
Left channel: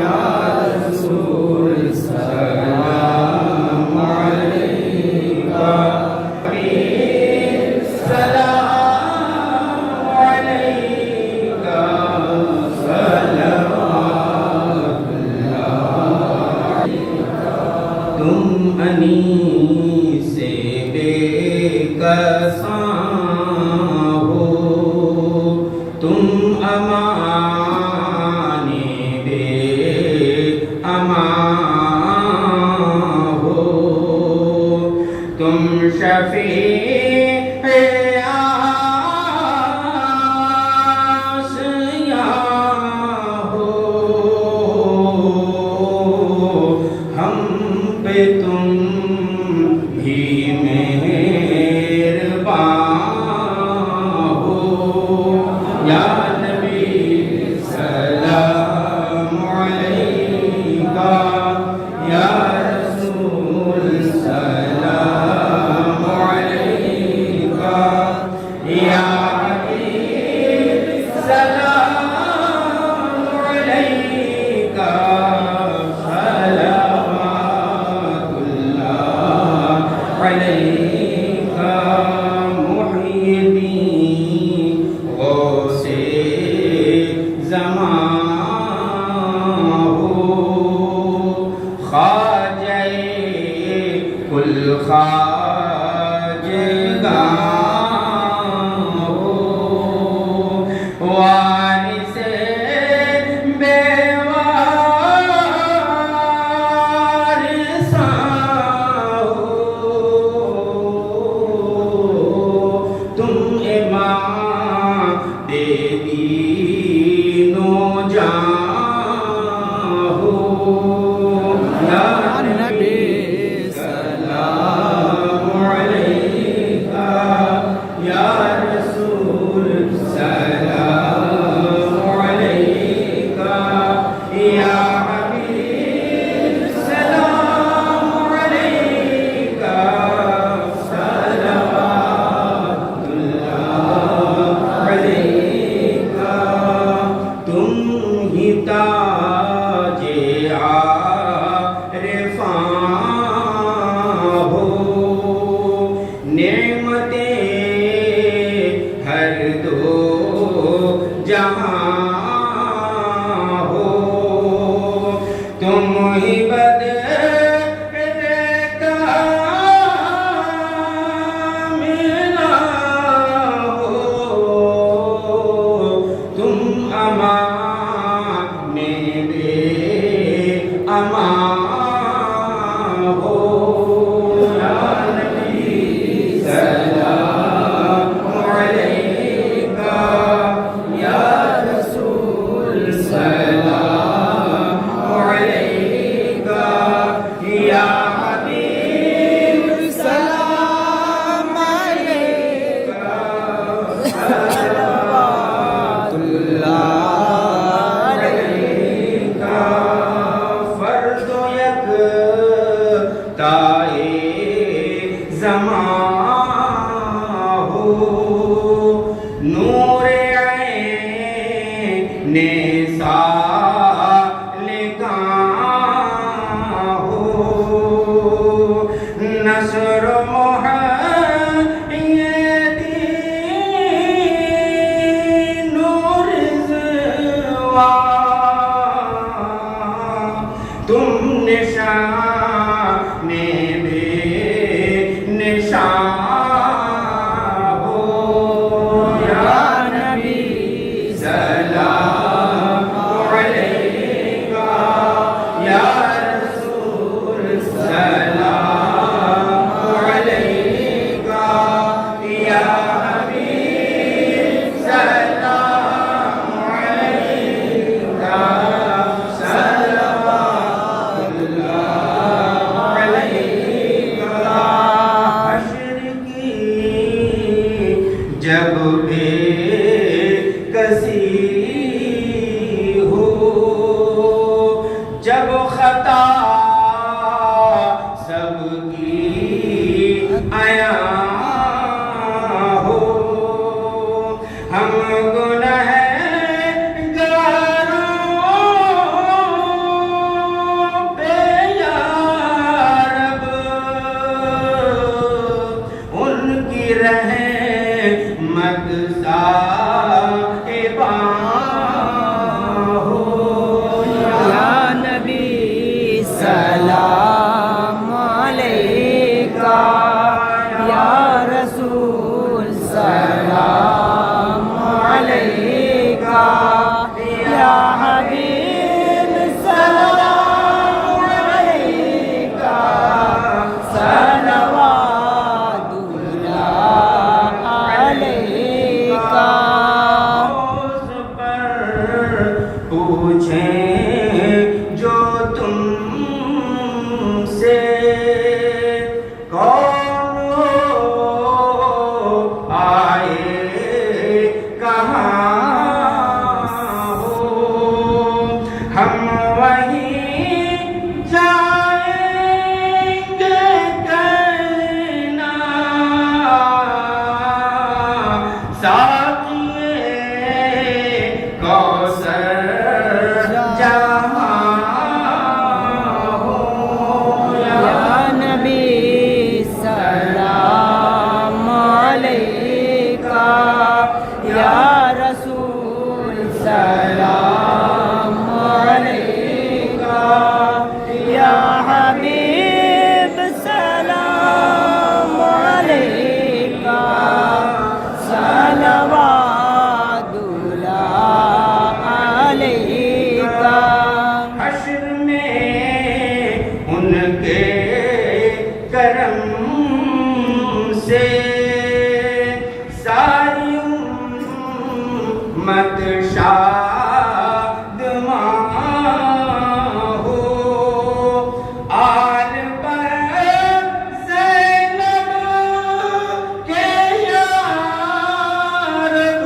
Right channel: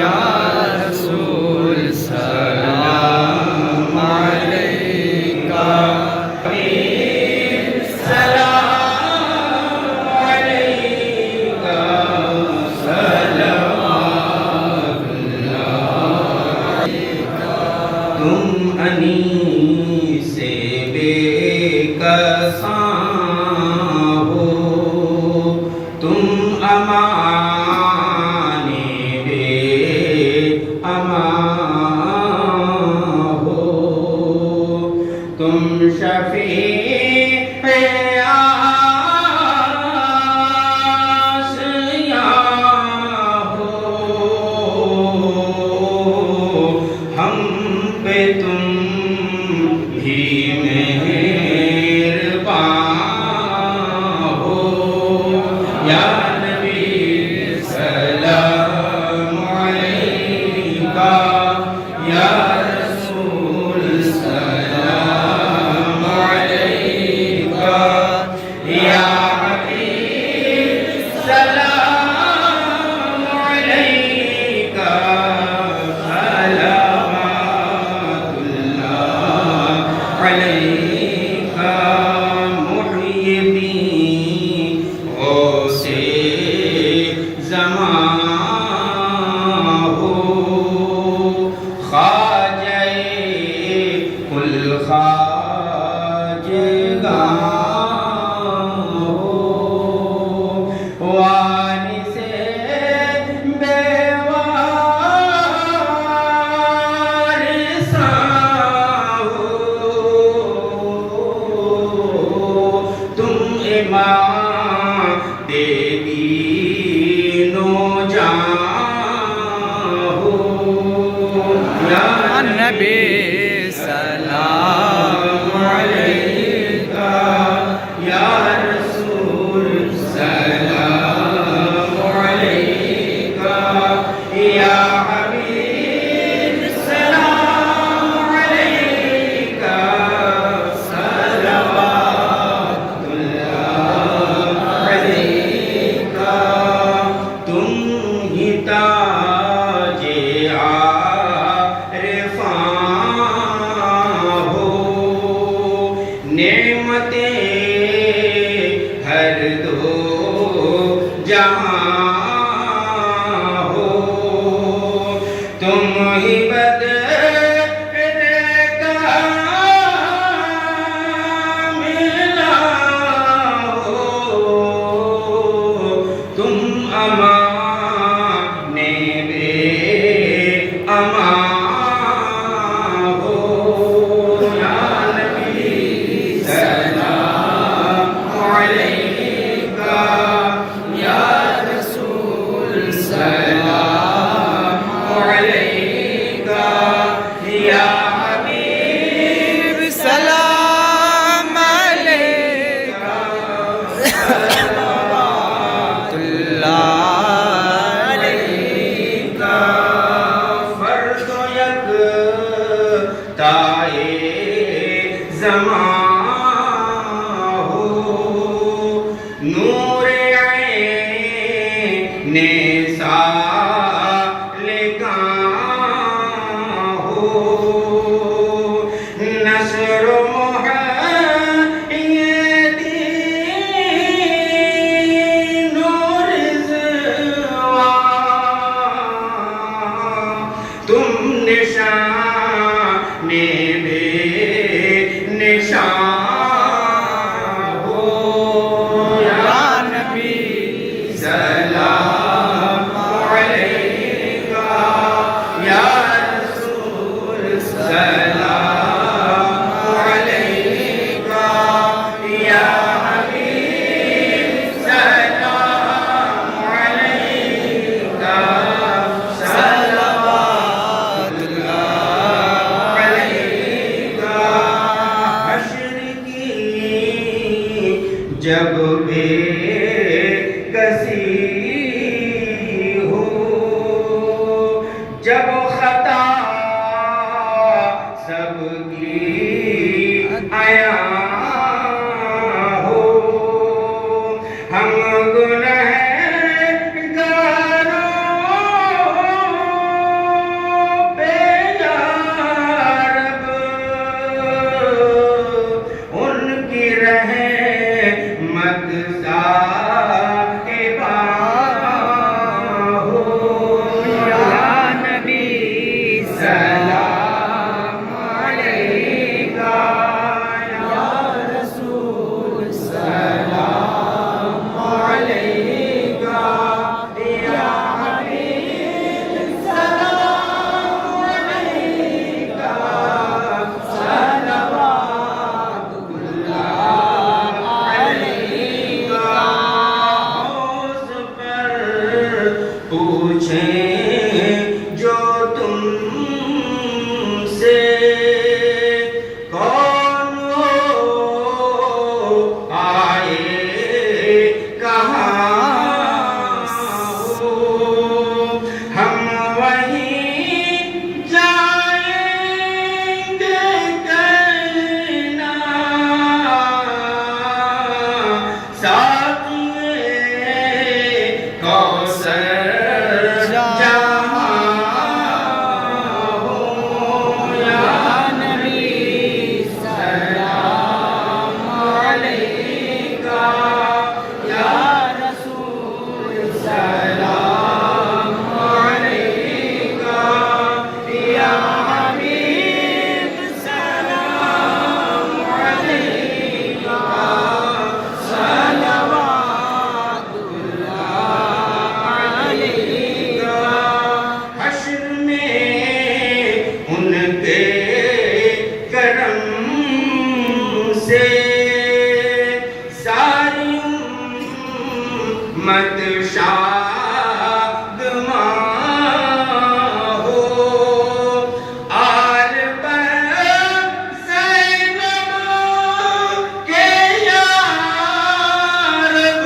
یا رسول سلام علیکہ سلام علیکہ صلوات اللہ. تم انیس بے کساں ہو، تم امان بے امان ہو، تم شفیع آسیاں ہو، ہم پہ تم بھی مہربان ہو، یا نبی سلام علیکہ یا رسول سلام علیکہ یا حبیب سلام علیکہ صلوات اللہ علیکہ. محی الدین غوث زمان ہو، خواجہ کل خواجگاں ہو، وارث بے وارثاں ہو، تم امام دے دین و جان ہو، یا نبی سلام علیکہ یا رسول سلام علیکہ یا حبیب سلام علیکہ صلوات اللہ علیکہ. تم ہی تاج عارفاں ہو، نعمتیں ہر دو جہاں ہو، تم ہی ملا ہو، تم امان مثال کہاں ہو نصر محیدین و رضوان تم نشان بے نشان ہو یا نبی سلام علیکہ یا رسول سلام علیکہ یا حبیب سلام علیکہ صلوات اللہ علیکہ حشر کی جب بے کسی ہو جب خطا سب کی عیاں ہو ہم گنہگاروں پہ یا رب ان کی رحمت صاحباں ہو یا نبی سلام علیکہ یا رسول سلام علیکہ یا حبیب سلام علیکہ صلوات اللہ علیکہ اس پر پوچھیں جو تم سے کون ہو آئے کہاں ہو ہم وہیں جائیں گے کہنا ساقیے کوثر جہاں ہو یا نبی سلام علیکہ یا رسول سلام علیکہ یا حبیب سلام علیکہ صلوات اللہ علیکہ حشر میں ان کے کرم سے ساری امت شادماں ہو آل پر زینب کے یا رب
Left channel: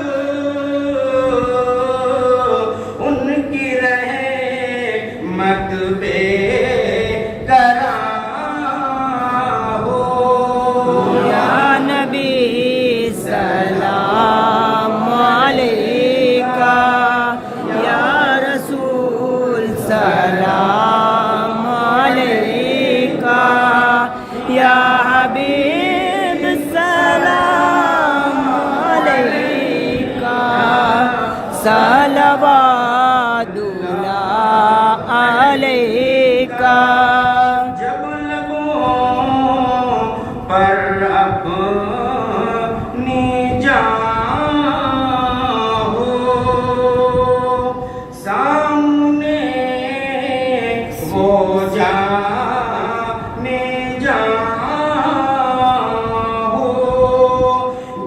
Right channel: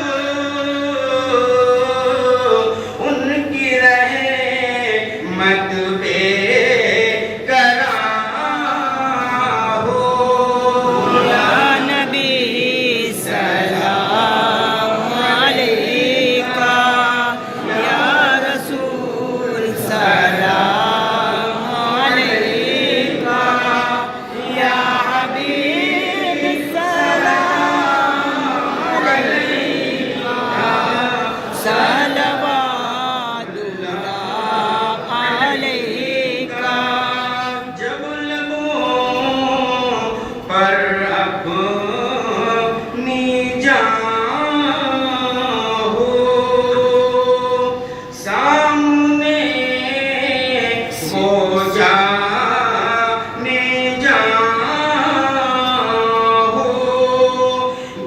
ان کی رحمت بے قرار ہو یا نبی سلام علیکہ یا رسول سلام علیکہ یا حبیب سلام علیکہ صلوات اللہ علیکہ جب لبوں پر اپنی جان ہو سامنے وہ جانے جان ہو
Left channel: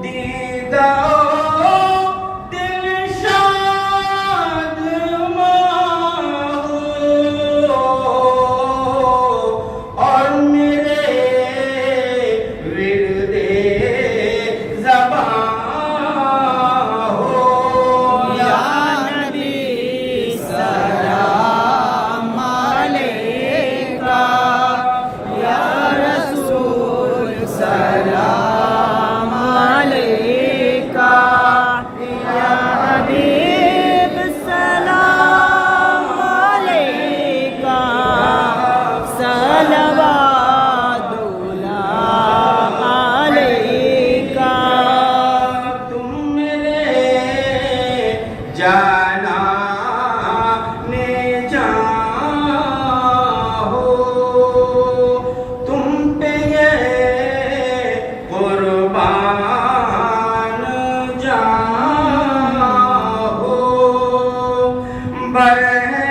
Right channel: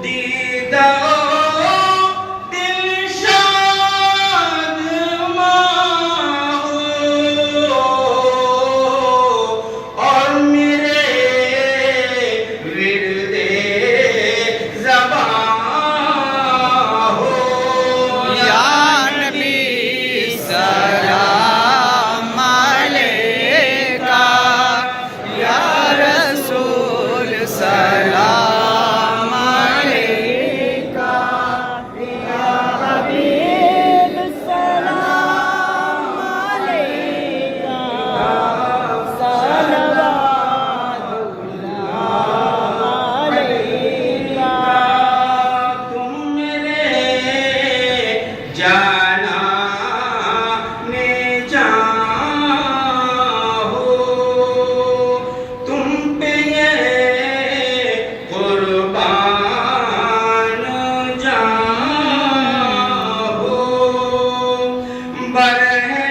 دیدہ دل شاد ہو اور میرے ورد زبان ہو یا نبی سلام علیکہ رہے